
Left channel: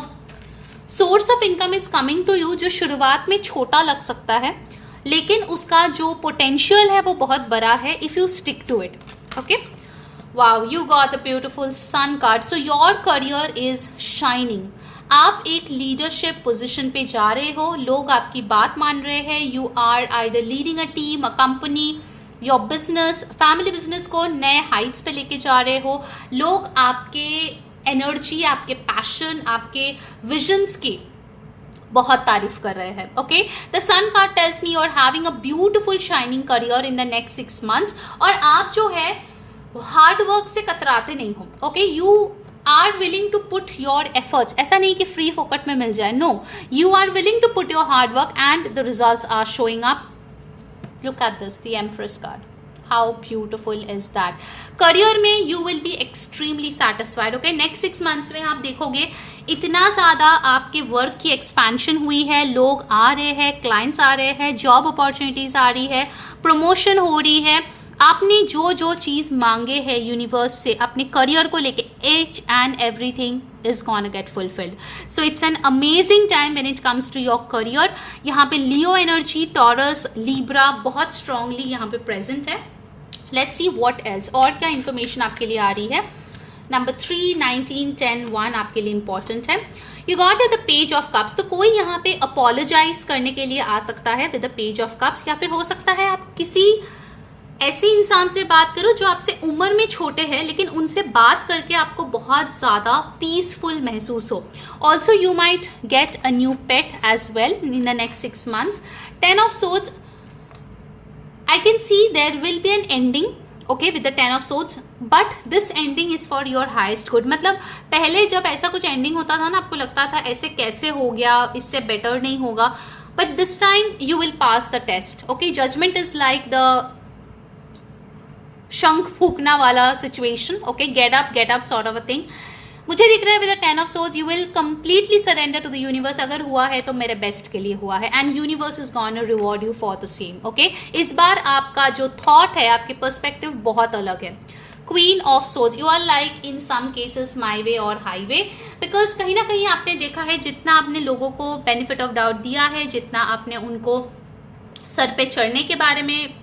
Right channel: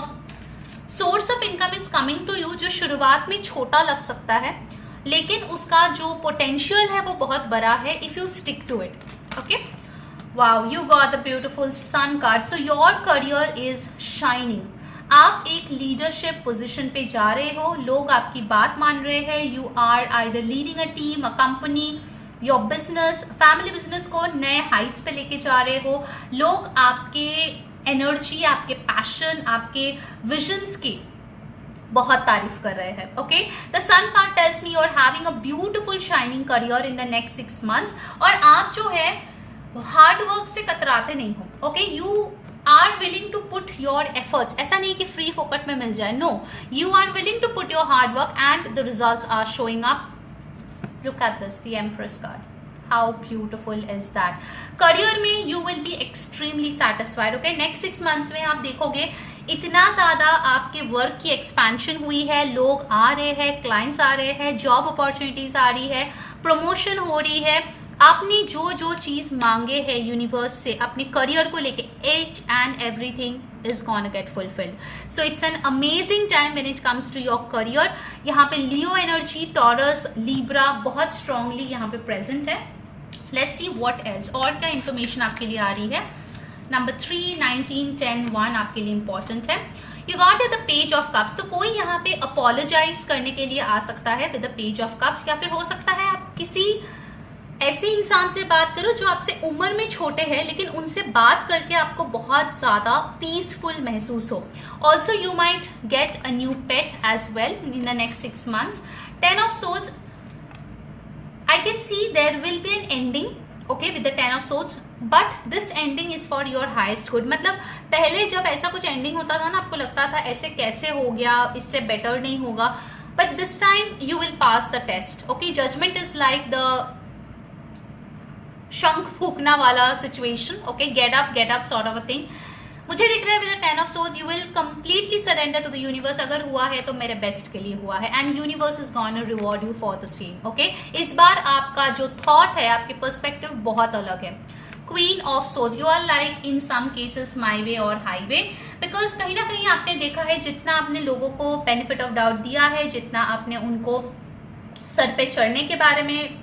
source of income is coming to you, जो शुरुआत में छोटा लग सकता है लेकिन उसका जो पोटेंशियल है वो बहुत बड़ा है if you stick to it. Okay, wow, you got the beautiful sun card. So your career is shining. आप एक लीडरशिप पोजीशन पे जा रहे हो, लोग आपकी बात मान रहे हैं। You are either leading a team, a company, your business, family business को नए हाइट्स पे लेके जा रहे हो। लोग आपके एनर्जी, आपके पैशन, आपके विजन्स की बहुत तारीफ कर रहे हैं। Okay, the sun card tells me you are having a beautiful shining career in the next 6 months. और आप जो है हार्ड वर्क से कतराते नहीं हो। Okay, you are willing to put your efforts, ऐसा नहीं कि फ्री फोकट में मिल जाए, no, you are willing to put your hard work and the results are showing up. Look at this, the empress card, how beautiful is that. Career में you will be extremely satisfied. Okay, next 6 months में आप देखोगे इतना ज़्यादा आपके work की expansion हुई है, लोग आ रहे हैं, क्लाइंट्स आ रहे हैं, जॉब अपॉर्चुनिटीज आ रही है, प्रमोशन हो रही है। आपने जो जो चीज़ मांगे है यूनिवर्स से अपने करियर को लेके, each and everything is gonna get fulfilled. So it's an amazing time when it comes to your career. यहाँ पे लियो एनर्जी, टॉरस, लीब्रा बहुत स्ट्रांगली यहाँ पे प्रेजेंट है। Let's see what else, और क्या इन्फॉर्मेशन आपके लिए आ रही है। नंबर 3, 19, 10, 1 आपके लिए इंपॉर्टेंट है। You got the page of cups. तो कोई यहाँ पे अपोलोजाइज करने के लिए आ सकता है with the page of cups, या फिर हो सकता है आप किसी ऐसे इंसान से बात करो जो आपसे उम्र में छोटे हैं, लेकिन उनसे बात करके आपको बहुत ज़्यादा पीसफुल महसूस हो। Also you might get a new pet as well in the next 6 months. 10 of swords, I can see there will be an ending, okay, with the 10 of swords, but this ending is for your highest good. मतलब पहले जब ऐसा कुछ ending होता था ना, आपको लगता था ऐसे कैसे हो गया, इससे better नहीं होगा, but this time you will pass the test. Okay, judgment is like the शंख फूकना वाला situation. Okay, get up sort of a thing. मुझे दिख रहा है with the 10 of swords you will completely surrender to the universe. अगर हुआ है तो मेरे बेस्ट के लिए हुआ है and universe is gonna reward you for the same. Okay, इस बार आपका जो थॉट है, आपके पर्सपेक्टिव बहुत अलग है। Queen of swords, you are like in some cases my way और हाईवे, बिकॉज कहीं ना कहीं आपने देखा है जितना आपने लोगों को बेनिफिट ऑफ डाउट दिया है, जितना आपने उनको सर पे चढ़ने के बारे में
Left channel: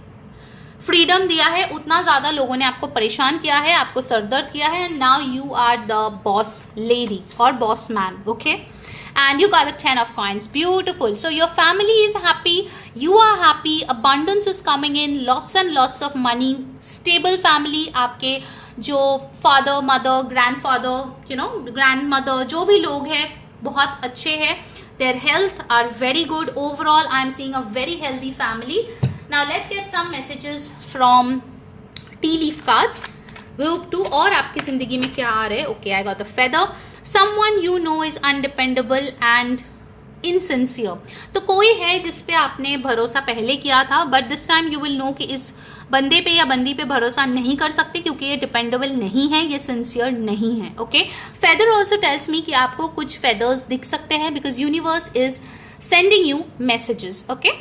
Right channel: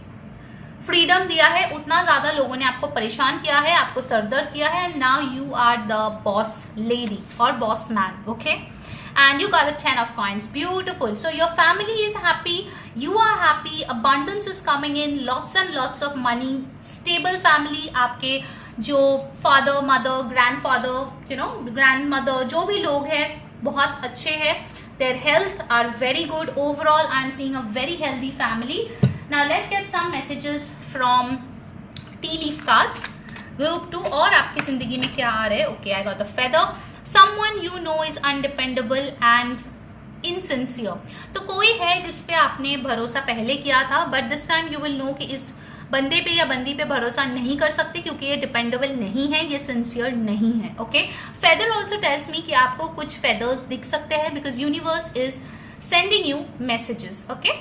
फ्रीडम दिया है, उतना ज्यादा लोगों ने आपको परेशान किया है, आपको सरदर्द किया है। Now you are the boss lady और boss man. Okay, and you got the 10 of coins. Beautiful. So your family is happy, you are happy, abundance is coming in, lots and lots of money, stable family. आपके जो father mother grandfather grandmother जो भी लोग हैं बहुत अच्छे हैं. Their health are very good. Overall I am seeing a very healthy family. Now let's get some messages from tea leaf cards. Group 2. और आपकी जिंदगी में क्या आ रहा है? Okay, I got the feather. Someone you know is undependable and insincere. तो कोई है जिस पे आपने भरोसा पहले किया था, but this time you will know कि इस बंदे पे या बंदी पे भरोसा नहीं कर सकते क्योंकि ये डिपेंडेबल नहीं है, ये सिंसियर नहीं है. Okay, feather also tells me कि आपको कुछ फेदर्स दिख सकते हैं because universe is sending you messages. Okay,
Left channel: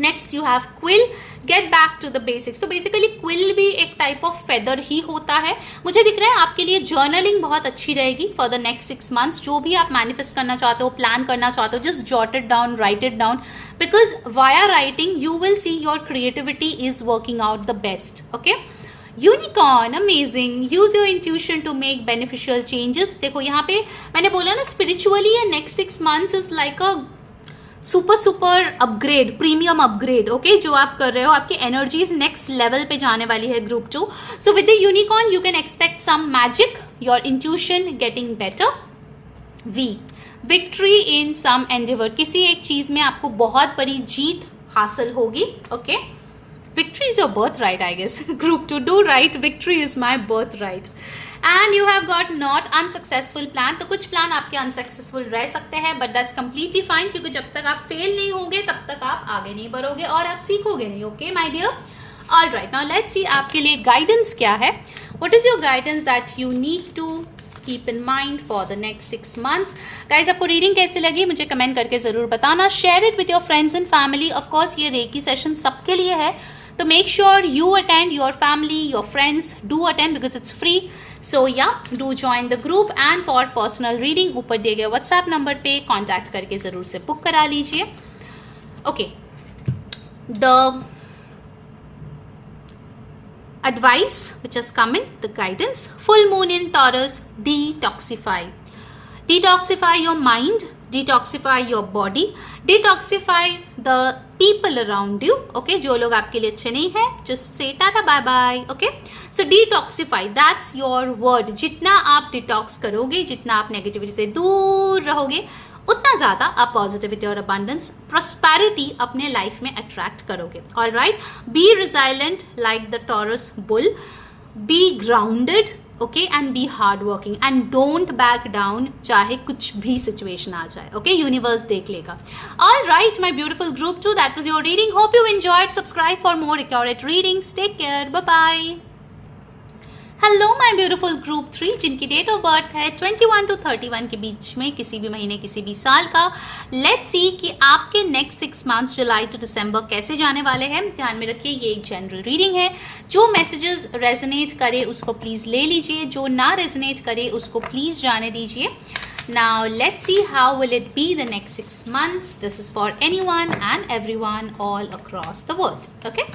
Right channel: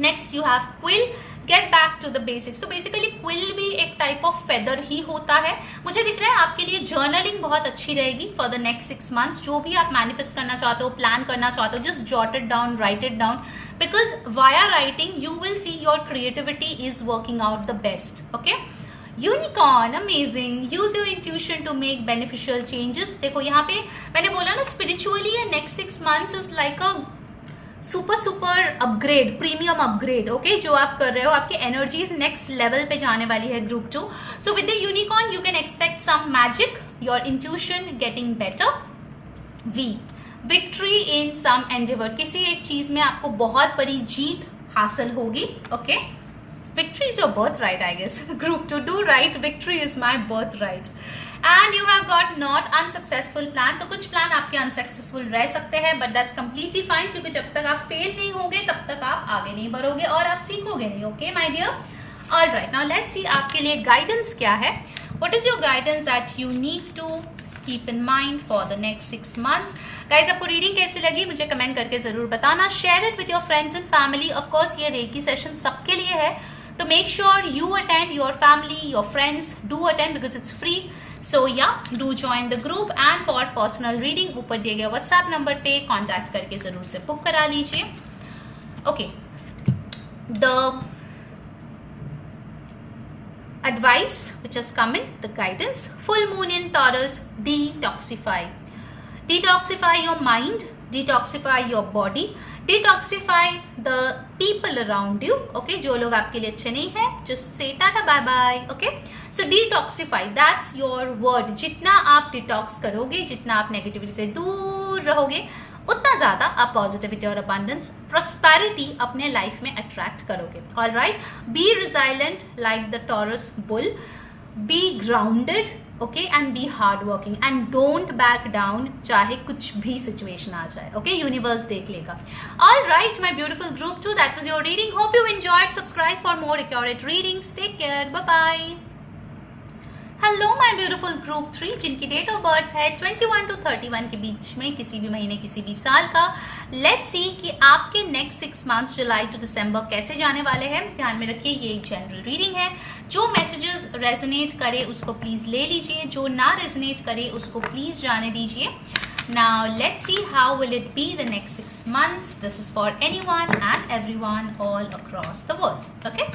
next you have quill. Get back to the basics. तो बेसिकली क्विल भी एक टाइप ऑफ फेदर ही होता है. मुझे दिख रहा है आपके लिए जर्नलिंग बहुत अच्छी रहेगी फॉर द नेक्स्ट 6 months. जो भी आप मैनिफेस्ट करना चाहते हो, प्लान करना चाहते हो, just jot it down, right it down, because via writing you will see your creativity is working out the best. Okay, unicorn, amazing. Use your intuition to make beneficial changes. देखो यहाँ पे मैंने बोला ना, spiritually ये next 6 months is like a super upgrade, premium upgrade. Okay, जो आप कर रहे हो, आपकी एनर्जीज नेक्स्ट लेवल पे जाने वाली है. Group 2. So with the unicorn you can expect some magic, your intuition getting better. We, victory in some endeavour. किसी एक चीज में आपको बहुत बड़ी जीत हासिल होगी. Okay, victory is your birthright, I guess. Group 2, do right, victory is my birthright. And you have got not unsuccessful plan. तो कुछ प्लान आपके अनसक्सेसफुल रह सकते हैं, but that's completely fine क्योंकि जब तक आप फेल नहीं होगे तब तक आप आगे नहीं बढ़ोगे और आप सीखोगे नहीं. Okay my dear. All right, now let's see आपके लिए गाइडेंस क्या है. What is your guidance that you need to keep in mind for the next 6 months. Guys, आपको रीडिंग कैसी लगी मुझे कमेंट करके जरूर बताना. Share it with your friends and family. Of course ये रेकी सेशन सबके लिए है, तो make sure you attend, your family, your friends do attend because it's free. So yeah, do join the group. And for personal reading ऊपर दिए गए WhatsApp number पे contact करके जरूर से बुक करा लीजिए. Okay, the advice which has come in, the guidance: full moon in Taurus, detoxify your mind, detoxify your body, detoxify the people around you. Okay, जो लोग आपके लिए अच्छे नहीं है, just say tata bye bye. Okay, so detoxify, that's your word. जितना आप detox करोगे, जितना आप नेगेटिविटी से दूर रहोगे, उतना ज्यादा आप पॉजिटिविटी और अबंडेंस, प्रॉस्पेरिटी अपने लाइफ में अट्रैक्ट करोगे. All right, be resilient like the Taurus bull, be grounded, okay, and be hard working and don't back down, चाहे कुछ भी सिचुएशन आ जाए. ओके, यूनिवर्स देख लेगा. All right my beautiful group 2, that was your reading. Hope you enjoyed. Subscribe for more accurate readings. Take care, bye bye. Hello my beautiful group 3 जिनकी date of birth है 21 to 31 के बीच में, किसी भी महीने किसी भी साल का. लेट्स सी कि आपके नेक्स्ट 6 months जुलाई टू दिसंबर कैसे जाने वाले हैं. ध्यान में रखिए ये एक जनरल रीडिंग है. जो मैसेजेस रेजोनेट करे उसको प्लीज ले लीजिए, जो ना रेजोनेट करे उसको प्लीज जाने दीजिए. Now let's see how will it be the next 6 months. This is for anyone and everyone all across the world. Okay,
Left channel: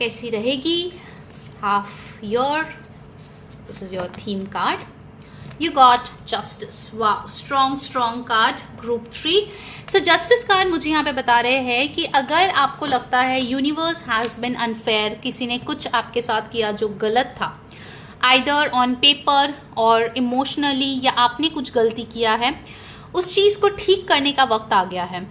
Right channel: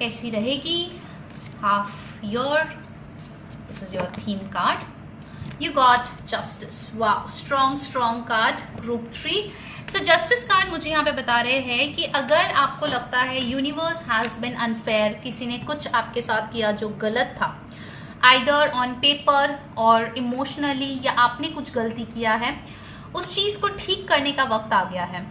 कैसी रहेगी half year? This is your theme card. You got justice. Wow, strong card. Group 3. So justice card मुझे यहाँ पे बता रहे हैं कि अगर आपको लगता है यूनिवर्स हैज बिन अनफेयर, किसी ने कुछ आपके साथ किया जो गलत था, either on paper और इमोशनली, या आपने कुछ गलती किया है, उस चीज़ को ठीक करने का वक्त आ गया है.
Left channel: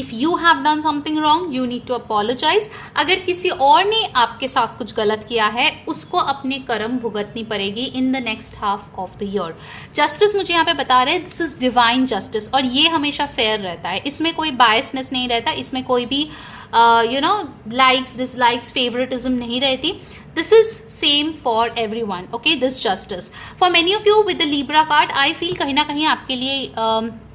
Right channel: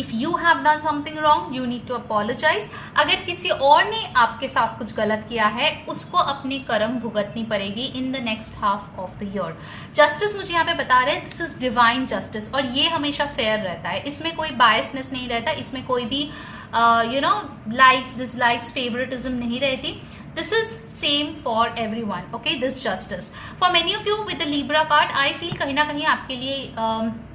If you have done something wrong, you need to apologize. अगर किसी और ने आपके साथ कुछ गलत किया है, उसको अपने कर्म भुगतनी पड़ेगी in the next half of the year. Justice मुझे यहाँ पे बता रहे हैं, this is divine justice, और ये हमेशा fair रहता है. इसमें कोई biasness नहीं रहता, इसमें कोई भी likes, dislikes, favoritism नहीं रहती. This is same for everyone. Okay, this justice. For many of you with the Libra card, I feel कहीं ना कहीं आपके लिए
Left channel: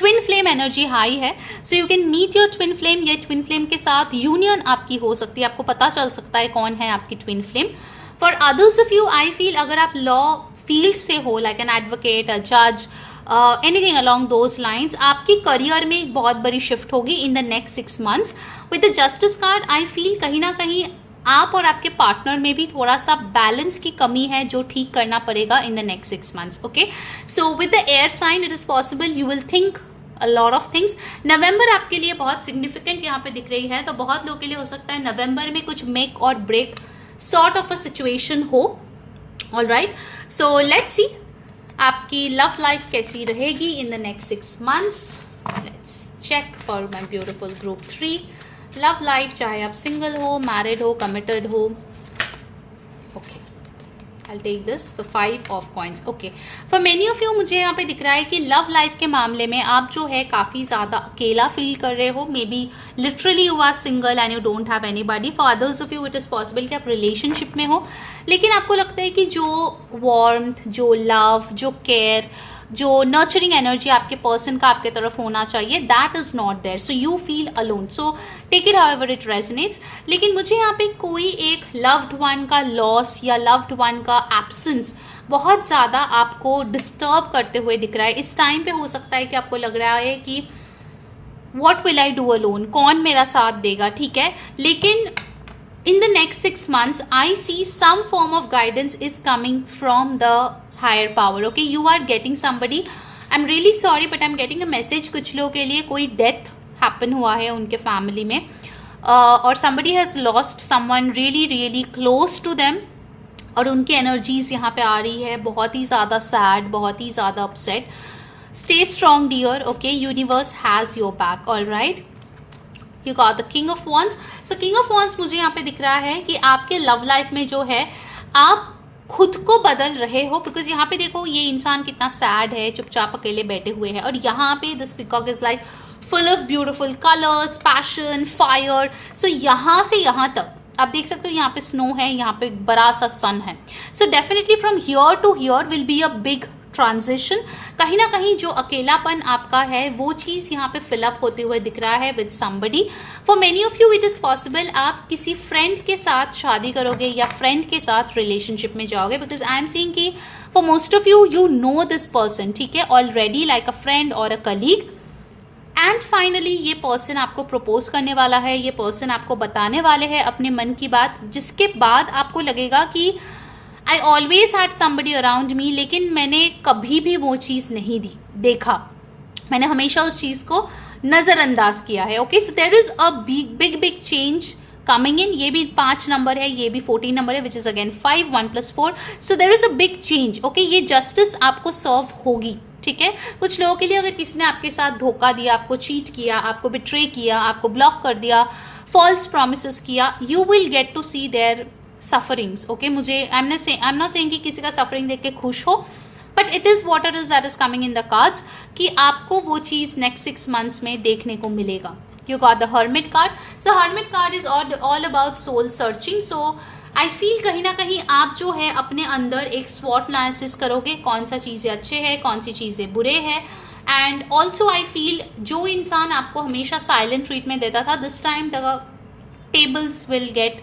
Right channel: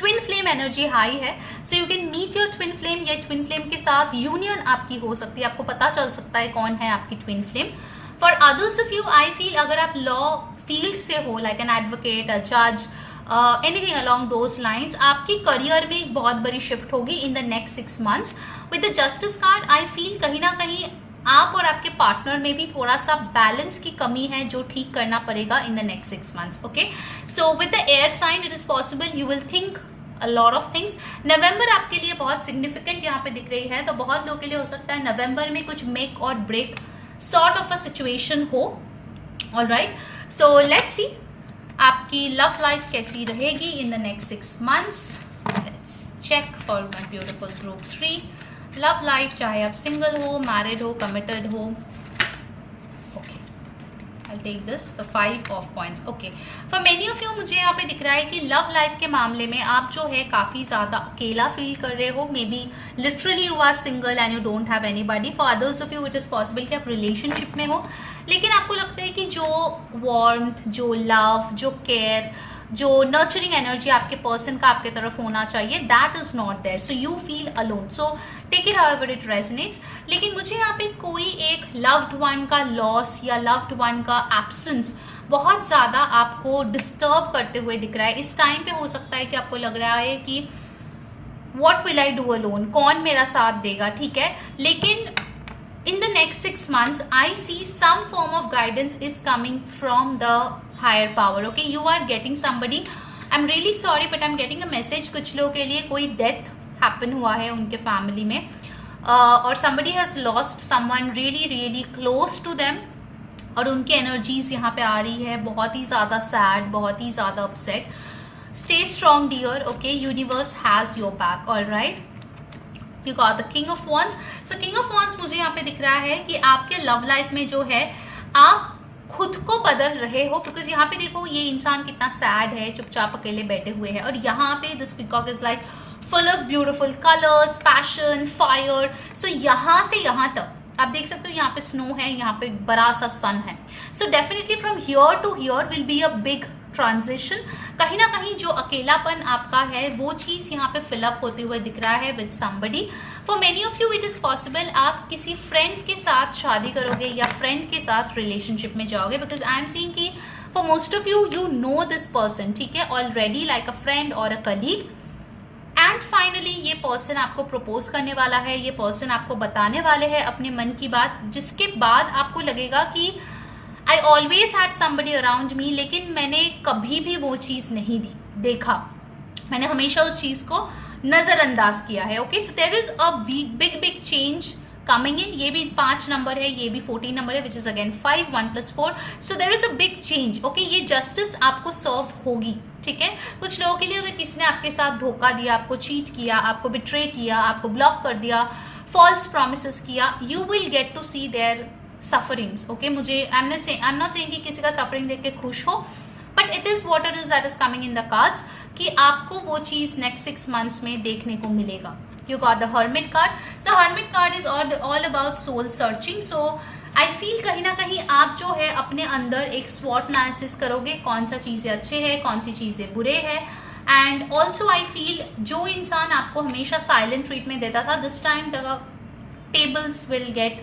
ट्विन फ्लेम एनर्जी हाई है. So you can meet your twin flame, या twin flame के साथ union आपकी हो सकती है. आपको पता चल सकता है कौन है आपकी twin flame. For others of you I feel अगर आप लॉ फील्ड से हो, लाइक एन एडवोकेट, अ जज, एनीथिंग अलॉन्ग दोज लाइन्स, आपकी करियर में बहुत बड़ी शिफ्ट होगी in the next 6 months. With the justice card I feel कहीं ना कहीं आप और आपके पार्टनर में भी थोड़ा सा बैलेंस की कमी है जो ठीक करना पड़ेगा in the next 6 months. Okay, so with the air sign it is possible you will think a lot of things. नवंबर आपके लिए बहुत सिग्निफिकेंट यहाँ पे दिख रही है, तो बहुत लोगों के लिए हो सकता है नवंबर में कुछ मेक और break sort of a situation हो. ऑलराइट, सो लेट्स सी आपकी लव लाइफ कैसी रहेगी in the next 6 months. Let's check for my beautiful group 3 love life, चाहे आप सिंगल हो, मैरिड हो, कमिटेड हो. Okay, I'll take this, the 5 of coins. Okay, for many of you मुझे यहाँ पे दिख रहा है कि लव लाइफ के मामले में आप जो है काफ़ी ज़्यादा अकेला फील कर रहे हो. Maybe literally you are single and you don't have anybody. For others of you it is possible कि आप रिलेशनशिप में हो, लेकिन आपको लगता है कि जो वार्मथ, जो लव, जो केयर, जो नर्चरिंग एनर्जी आपके पर्सन का आपके तरफ होना चाहिए, that is not there. So you feel alone. So take it however it resonates. लेकिन मुझे यहाँ पे कोई एक लव्ड वन का लॉस या लव्ड वन का एब्सेंस बहुत ज़्यादा आपको डिस्टर्ब करते हुए दिख रहा है. इस टाइम पे हो सकता है कि आपको लग रहा है कि what will I do alone, कौन मेरा साथ देगा, ठीक है. लेकिन in the next 6 months I see some form of guidance is coming from the higher power. Okay, you are getting somebody, I'm really sorry but I'm getting a message, कुछ लोगों के लिए कोई डेथ हैपन हुआ है उनके family में, और somebody has lost someone really really close to them, और उनकी एनर्जीज यहाँ पे आ रही है बहुत ही ज़्यादा सैड, बहुत ही ज़्यादा upset. Stay strong dear. Okay, universe has your back. All right, you got the king of wands. So king of wands मुझे यहाँ पे दिख रहा है कि आपके लव लाइफ में जो है आप खुद को बदल रहे हो. बिकॉज यहाँ पे देखो ये इंसान कितना सैड है, चुपचाप अकेले बैठे हुए हैं, और यहाँ पे this peacock is like full of beautiful colours, passion, fire. So यहाँ से यहाँ तक आप देख सकते हो, यहाँ पे स्नो है, यहाँ पे बड़ा सा सन है. So definitely from here to here will be a big transition. कहीं ना कहीं जो अकेलापन आपका है वो चीज़ यहाँ पे फिलअप होते हुए दिख रहा है with somebody. For many of you it is possible आप किसी फ्रेंड के साथ शादी करोगे या फ्रेंड के साथ रिलेशनशिप में जाओगे. बिकॉज आई एम सीइंग कि for most of you you know this person, ठीक है, ऑलरेडी लाइक अ फ्रेंड और अ कलीग. एंड फाइनली ये पर्सन आपको प्रपोज करने वाला है, ये पर्सन आपको बताने वाले हैं अपने मन की बात, जिसके बाद आपको लगेगा कि I always had somebody around me, लेकिन मैंने कभी भी वो चीज़ नहीं देखा, मैंने हमेशा उस चीज़ को नज़रअंदाज किया है. Okay, so there is a big change coming in. ये भी 5 नंबर है, ये भी 14 नंबर है, which is again 5, 1 + 4. So there is a big change. Okay, ये जस्टिस आपको सर्व होगी, ठीक है. कुछ लोगों के लिए अगर किसी ने आपके साथ धोखा दिया, आपको चीट किया, आपको बिट्रे किया, आपको ब्लॉक कर दिया, फॉल्स प्रॉमिसेस किया, you will get to see their sufferings. Okay, मुझे आई एम नॉट सेइंग कि किसी का सफरिंग देख के खुश हो, but it is what it is that is coming in the cards कि आपको वो चीज़ नेक्स्ट 6 मंथ्स में देखने को मिलेगा. You got the hermit card. So hermit card is all about soul searching. So I feel कहीं ना कहीं आप जो है अपने अंदर एक स्वॉट एनालिसिस करोगे, कौन सा चीज़ें अच्छे हैं, कौन सी चीज़ें बुरे हैं. एंड ऑल्सो आई फील जो इंसान आपको हमेशा साइलेंट ट्रीटमेंट देता था, this time the tables will get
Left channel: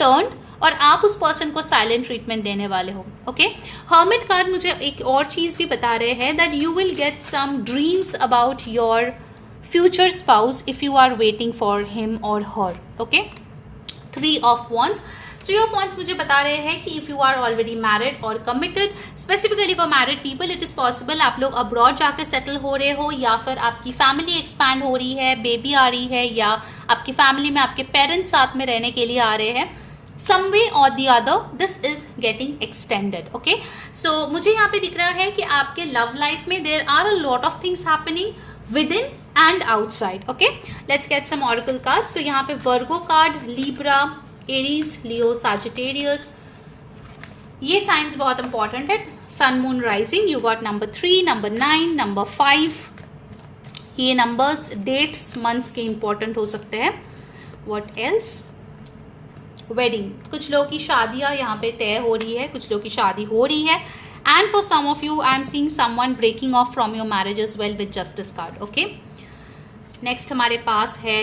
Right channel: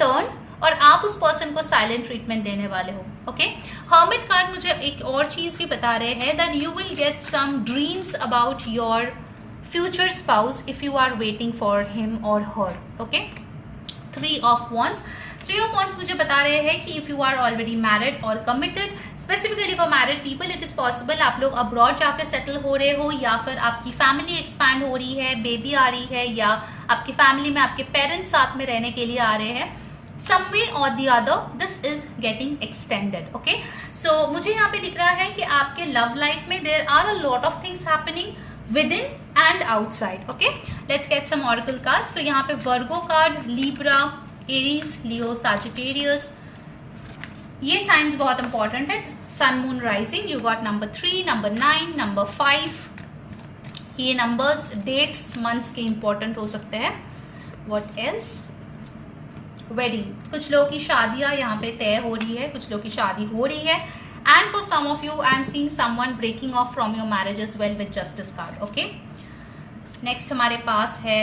turn और आप उस पर्सन को साइलेंट ट्रीटमेंट देने वाले हो. ओके, हर्मिट कार्ड मुझे एक और चीज़ भी बता रहे हैं that you will get some dreams about your future spouse if you are waiting for him और her. Okay, 3 of Wands. 3 of Wands मुझे बता रहे हैं कि if you are already married और committed, specifically for married people it is possible आप लोग abroad जाकर सेटल हो रहे हो, या फिर आपकी फैमिली एक्सपैंड हो रही है, बेबी आ रही है, या आपकी फैमिली में आपके पेरेंट्स साथ में रहने के लिए आ रहे हैं. some way or the other this is getting extended. Okay, so मुझे यहाँ पे दिख रहा है कि आपके love life में there are a lot of things happening within and outside. Okay, let's get some oracle cards. So यहाँ पे Virgo card, Libra, Aries, Leo, Sagittarius, ये signs बहुत important है. Sun, Moon, Rising, you got number 3, number 9, number 5. ये numbers, dates, months के important हो सकते हैं. What else? वेडिंग, कुछ लोगों की शादियां यहाँ पे तय हो रही है, कुछ लोगों की शादी हो रही है. And for some of you I am seeing someone breaking off from your marriage as well with justice card. Okay, next हमारे पास है,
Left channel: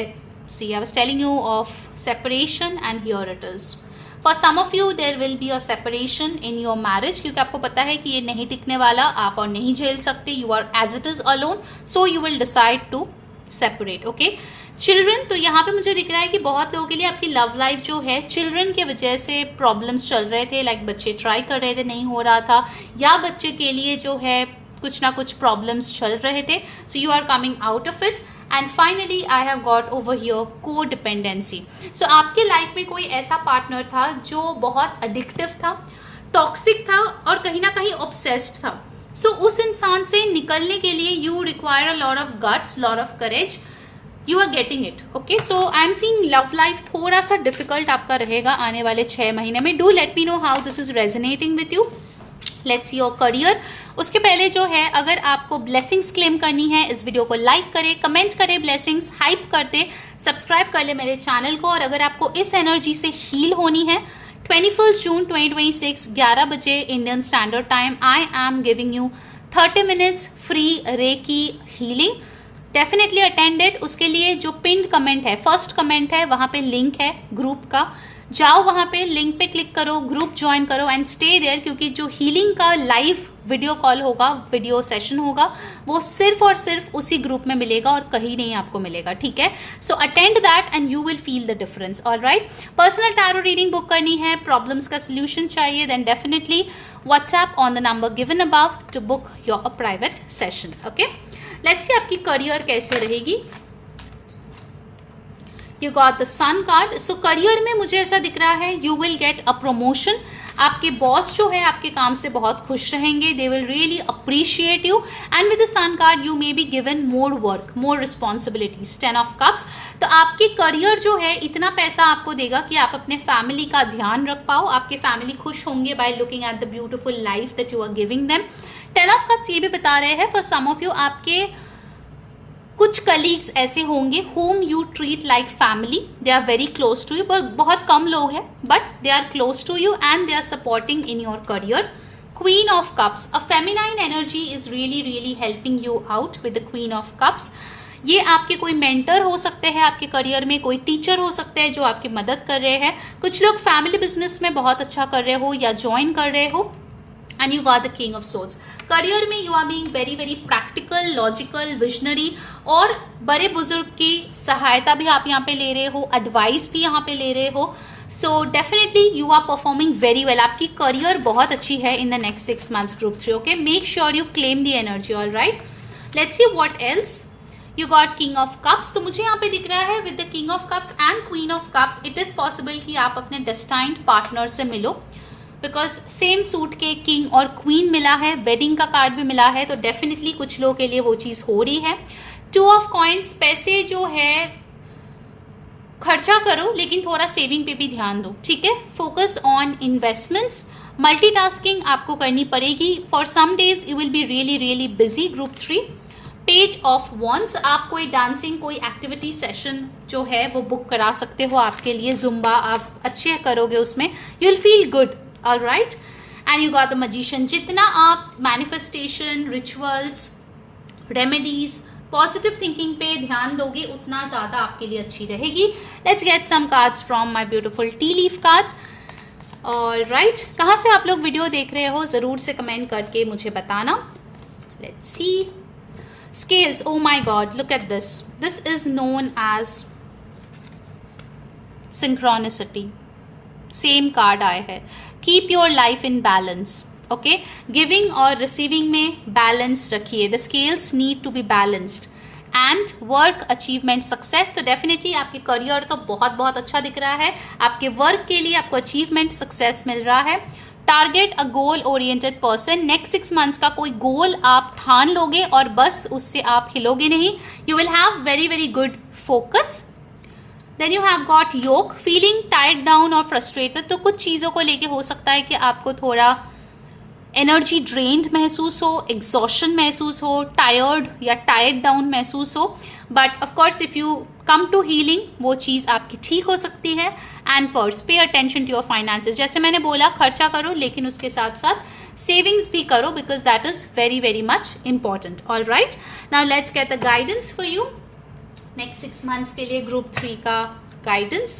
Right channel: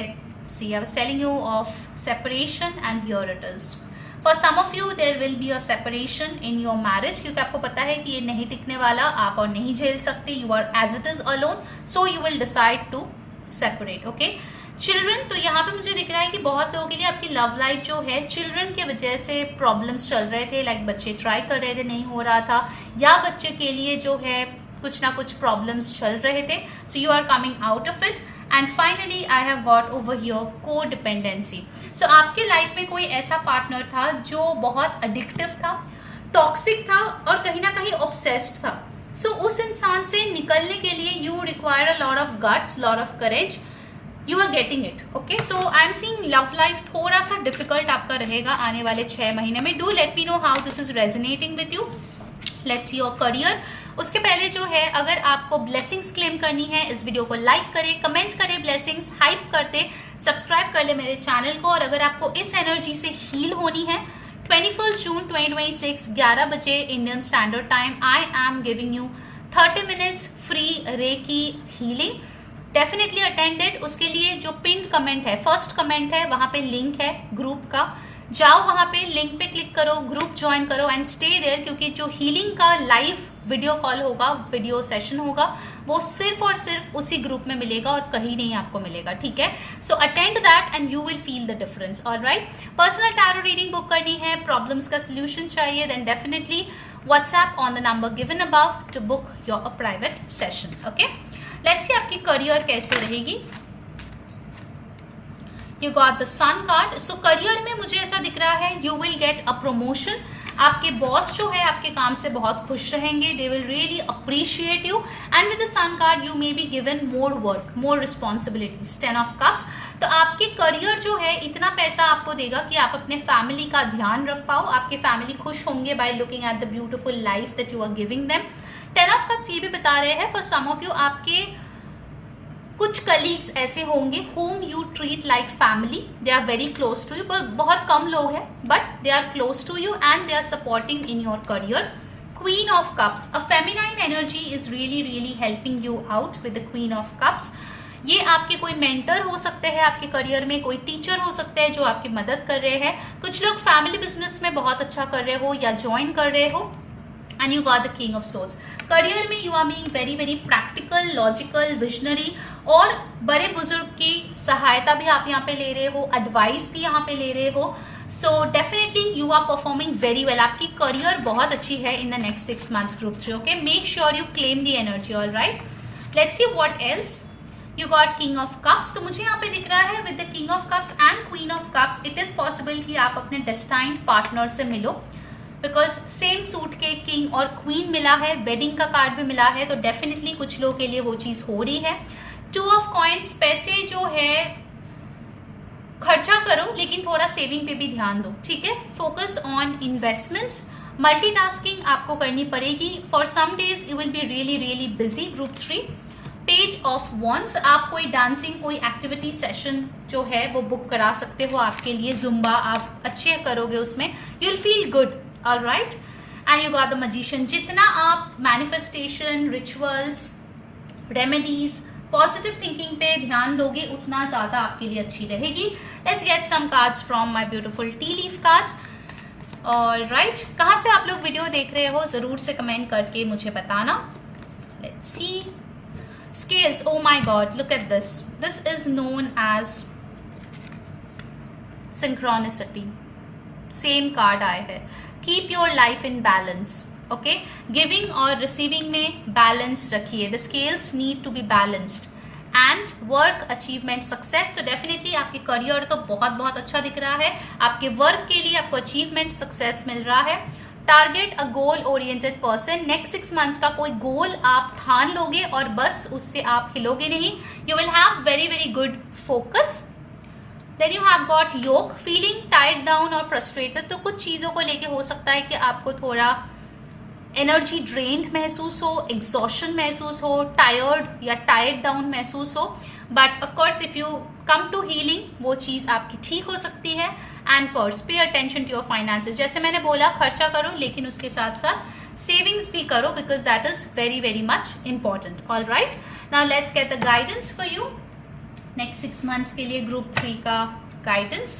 see I was telling you of separation and here it is. For some of you there will be a separation in your marriage, क्योंकि आपको पता है कि ये नहीं टिकने वाला, आप और नहीं झेल सकते, you are as it is alone, so you will decide to separate. Okay, children, तो यहाँ पे मुझे दिख रहा है कि बहुत लोगों के लिए आपकी लव लाइफ जो है चिल्ड्रन के वजह से प्रॉब्लम्स चल रहे थे, लाइक बच्चे ट्राई कर रहे थे, नहीं हो रहा था, या बच्चे के लिए जो है कुछ ना कुछ प्रॉब्लम्स चल रहे थे, so you are coming out of it. And finally I have got over here को डिपेंडेंसी। सो आपके लाइफ में कोई ऐसा पार्टनर था जो बहुत एडिक्टिव था, टॉक्सिक था और कहीं ना कहीं ऑब्सेस्ड था। सो उस इंसान से निकलने के लिए you require a lot of guts, lot of courage, you are getting it. Okay, so I am seeing love life थोड़ा सा डिफिकल्ट आपका रहेगा आने वाले 6 महीने में। Do let me know how this is resonating with you. Let's see your career. उसके पहले जो है, अगर आपको ब्लेसिंग्स क्लेम करनी है, इस वीडियो को लाइक करें, कमेंट करें, ब्लेसिंग्स हाइप करते, सब्सक्राइब कर ले मेरे चैनल को। और अगर आपको इस एनर्जी से हील होनी है, 21 जून 2026 11 बजे Indian standard time, I am giving you 30 minutes free recce healing. Definitely attended. उसके लिए जो पिन कमेंट है, फर्स्ट कमेंट है, वहां पे लिंक है ग्रुप का, जाओ वहां पे, लिंक पे क्लिक करो, ग्रुप ज्वाइन करो एंड स्टे देयर, क्योंकि जो हीलिंग का लाइव वीडियो कॉल होगा, वीडियो सेशन होगा, वो सिर्फ और सिर्फ उसी ग्रुप में मिलेगा और कहीं नहीं आपको मिलेगा, ठीक है। So attend that and you will feel the difference. Alright, personal tarot reading book करनी है, प्रॉब्लम्स का सोल्यूशन चाहिए, then definitely WhatsApp on the number given above to book your private session. Okay, let's see आपकी career कैसे रहेगी। You got the sun card. So career में मुझे ऐसा दिख रहा है, you will get a promotion. आपके बॉस जो है आपके काम से बहुत खुश रहेंगे, they will really appreciate you and with the sun card you may be given more work, more responsibilities, 10 of cups. तो आपकी करियर जो है इतना पैसा आपको देगा कि आप अपने फैमिली का ध्यान रख पाओ, आपके फैमिली खुश होंगे by looking at the beautiful life that you are giving them. 10 of cups ये भी बता रहे हैं, फॉर सम ऑफ यू आपके कुछ कलीग्स ऐसे होंगे whom you treat like family, they are very close to you, बहुत कम लोग हैं but they are close to you and they are supporting in your career. Queen of Cups, a feminine energy is really helping you out with the Queen of Cups. ये आपके कोई mentor हो सकते हैं आपके करियर में, कोई teacher हो सकते हैं जो आपकी मदद कर रहे हैं, कुछ लोग फैमिली बिजनेस में बहुत अच्छा कर रहे हो या ज्वाइन कर रहे हो। And you got the king of swords. Career में you are being very practical, logical, visionary, और बड़े बुजुर्ग की सहायता भी आप यहाँ पे ले रहे हो, एडवाइस भी यहाँ पे ले रहे हो। So definitely you are performing very well, आपकी करियर बहुत अच्छी है in the next 6 months group 3। Okay, make sure you claim the energy. All right, let's see what else. You got king of cups. तो मुझे यहाँ पे दिख रहा है with the king of cups and queen of cups, it is possible कि आप अपने डेस्टाइन्ड पार्टनर से मिलो, बिकॉज सेम सूट के किंग और क्वीन मिला है, वेडिंग का कार्ड भी मिला है, तो डेफिनेटली कुछ लोगों के लिए वो चीज हो रही है। 2 ऑफ कॉइन्स, पैसे जो है खर्चा करो लेकिन थोड़ा सेविंग पे भी ध्यान दो, ठीक है। फोकस ऑन इन्वेस्टमेंट्स, मल्टीटास्किंग आपको करनी पड़ेगी। For some days you will be really busy. Group 3, page of wands, आप कोई डांसिंग, कोई एक्टिविटी सेशन जो है वो बुक करा सकते हो आपके लिए, जुम्बा आप अच्छे करोगे उसमें, you will feel good. All right, and you got the magician. जितना आप manifestation, rituals, remedies, positive thinking पे ध्यान दोगे उतना ज़्यादा आपके लिए अच्छी रहेगी। Let's get some cards from my beautiful tea leaf cards. All right, कहाँ से आप लोग वीडियो देख रहे हो ज़रूर से कमेंट करके मुझे बताना। Let's see scales. Oh my god, look at this, this is known as synchronicity. Same card आए है, keep your life in balance. Okay, giving और रिसीविंग में बैलेंस रखिए, the scales need to be balanced and work achievement success. तो definitely आपके career तो बहुत अच्छा दिख रहा है, आपके वर्क के लिए आपको अचीवमेंट सक्सेस मिल रहा है। Target a goal oriented person, next 6 months का कोई गोल आप ठान लोगे और बस उससे आप हिलोगे नहीं, you will have very good focus. Then you have got yoke, feeling tied down और frustrated। तो कुछ चीज़ों को लेके हो सकता है कि आपको थोड़ा एनर्जी ड्रेन्ड महसूस हो, एग्जॉशन महसूस हो, टायर्ड या टायर्ड डाउन महसूस हो, but of course if you come to healing वो चीज़ आपकी ठीक हो सकती है। And purse, pay attention to your finances, जैसे मैंने बोला खर्चा करो लेकिन उसके साथ साथ सेविंग्स भी करो, because that is very much important. All right, now let's get the guidance for you next 6 months के लिए ग्रुप 3 का guidance.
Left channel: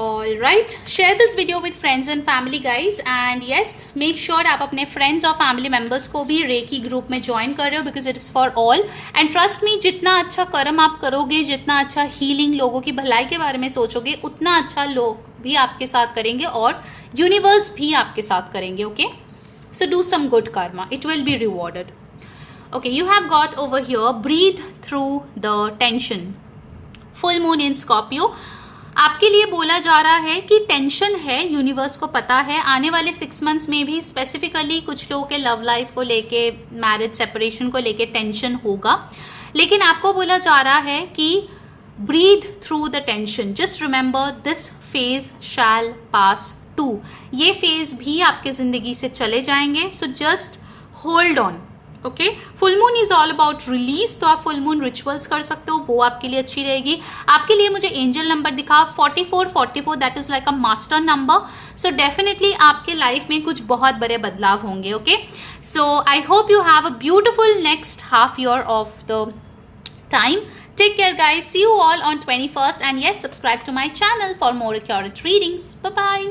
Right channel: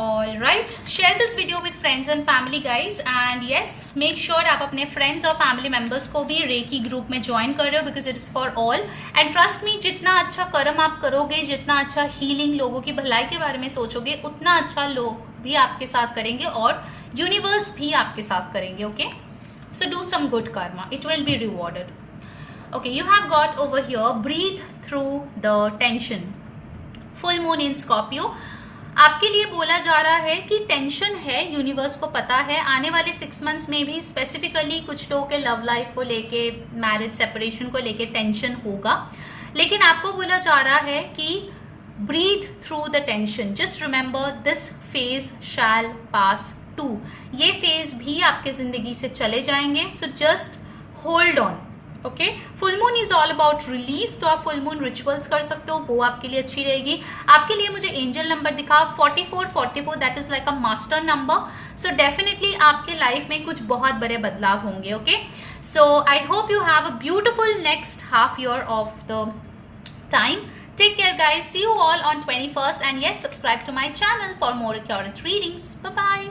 All right, share this video with friends and family guys, and yes make sure आप अपने friends और family members को भी recce group में join कर रहे हो, because it is for all. And trust me, जितना अच्छा कर्म आप करोगे, जितना अच्छा हीलिंग, लोगों की भलाई के बारे में सोचोगे, उतना अच्छा लोग भी आपके साथ करेंगे और यूनिवर्स भी आपके साथ करेंगे। Okay, so do some good karma, it will be rewarded. Okay, you have got over here, breathe through the tension. Full moon in Scorpio. आपके लिए बोला जा रहा है कि टेंशन है, यूनिवर्स को पता है, आने वाले 6 मंथ्स में भी स्पेसिफिकली कुछ लोगों के लव लाइफ को लेके, मैरिज सेपरेशन को लेके टेंशन होगा, लेकिन आपको बोला जा रहा है कि breathe through the tension, just remember this phase shall pass too. ये फेज भी आपके जिंदगी से चले जाएंगे, so just hold on. Okay, full moon is all about release, तो आप फुल मून रिचुअल्स कर सकते हो, वो आपके लिए अच्छी रहेगी। आपके लिए मुझे एंजल नंबर दिखा 4444, that is like a master number, so definitely आपके लाइफ में कुछ बहुत बड़े बदलाव होंगे। Okay, so I hope you have a beautiful next half year of the time. Take care guys, see you all on 21st, and yes, subscribe to my channel for more accurate readings. Bye bye.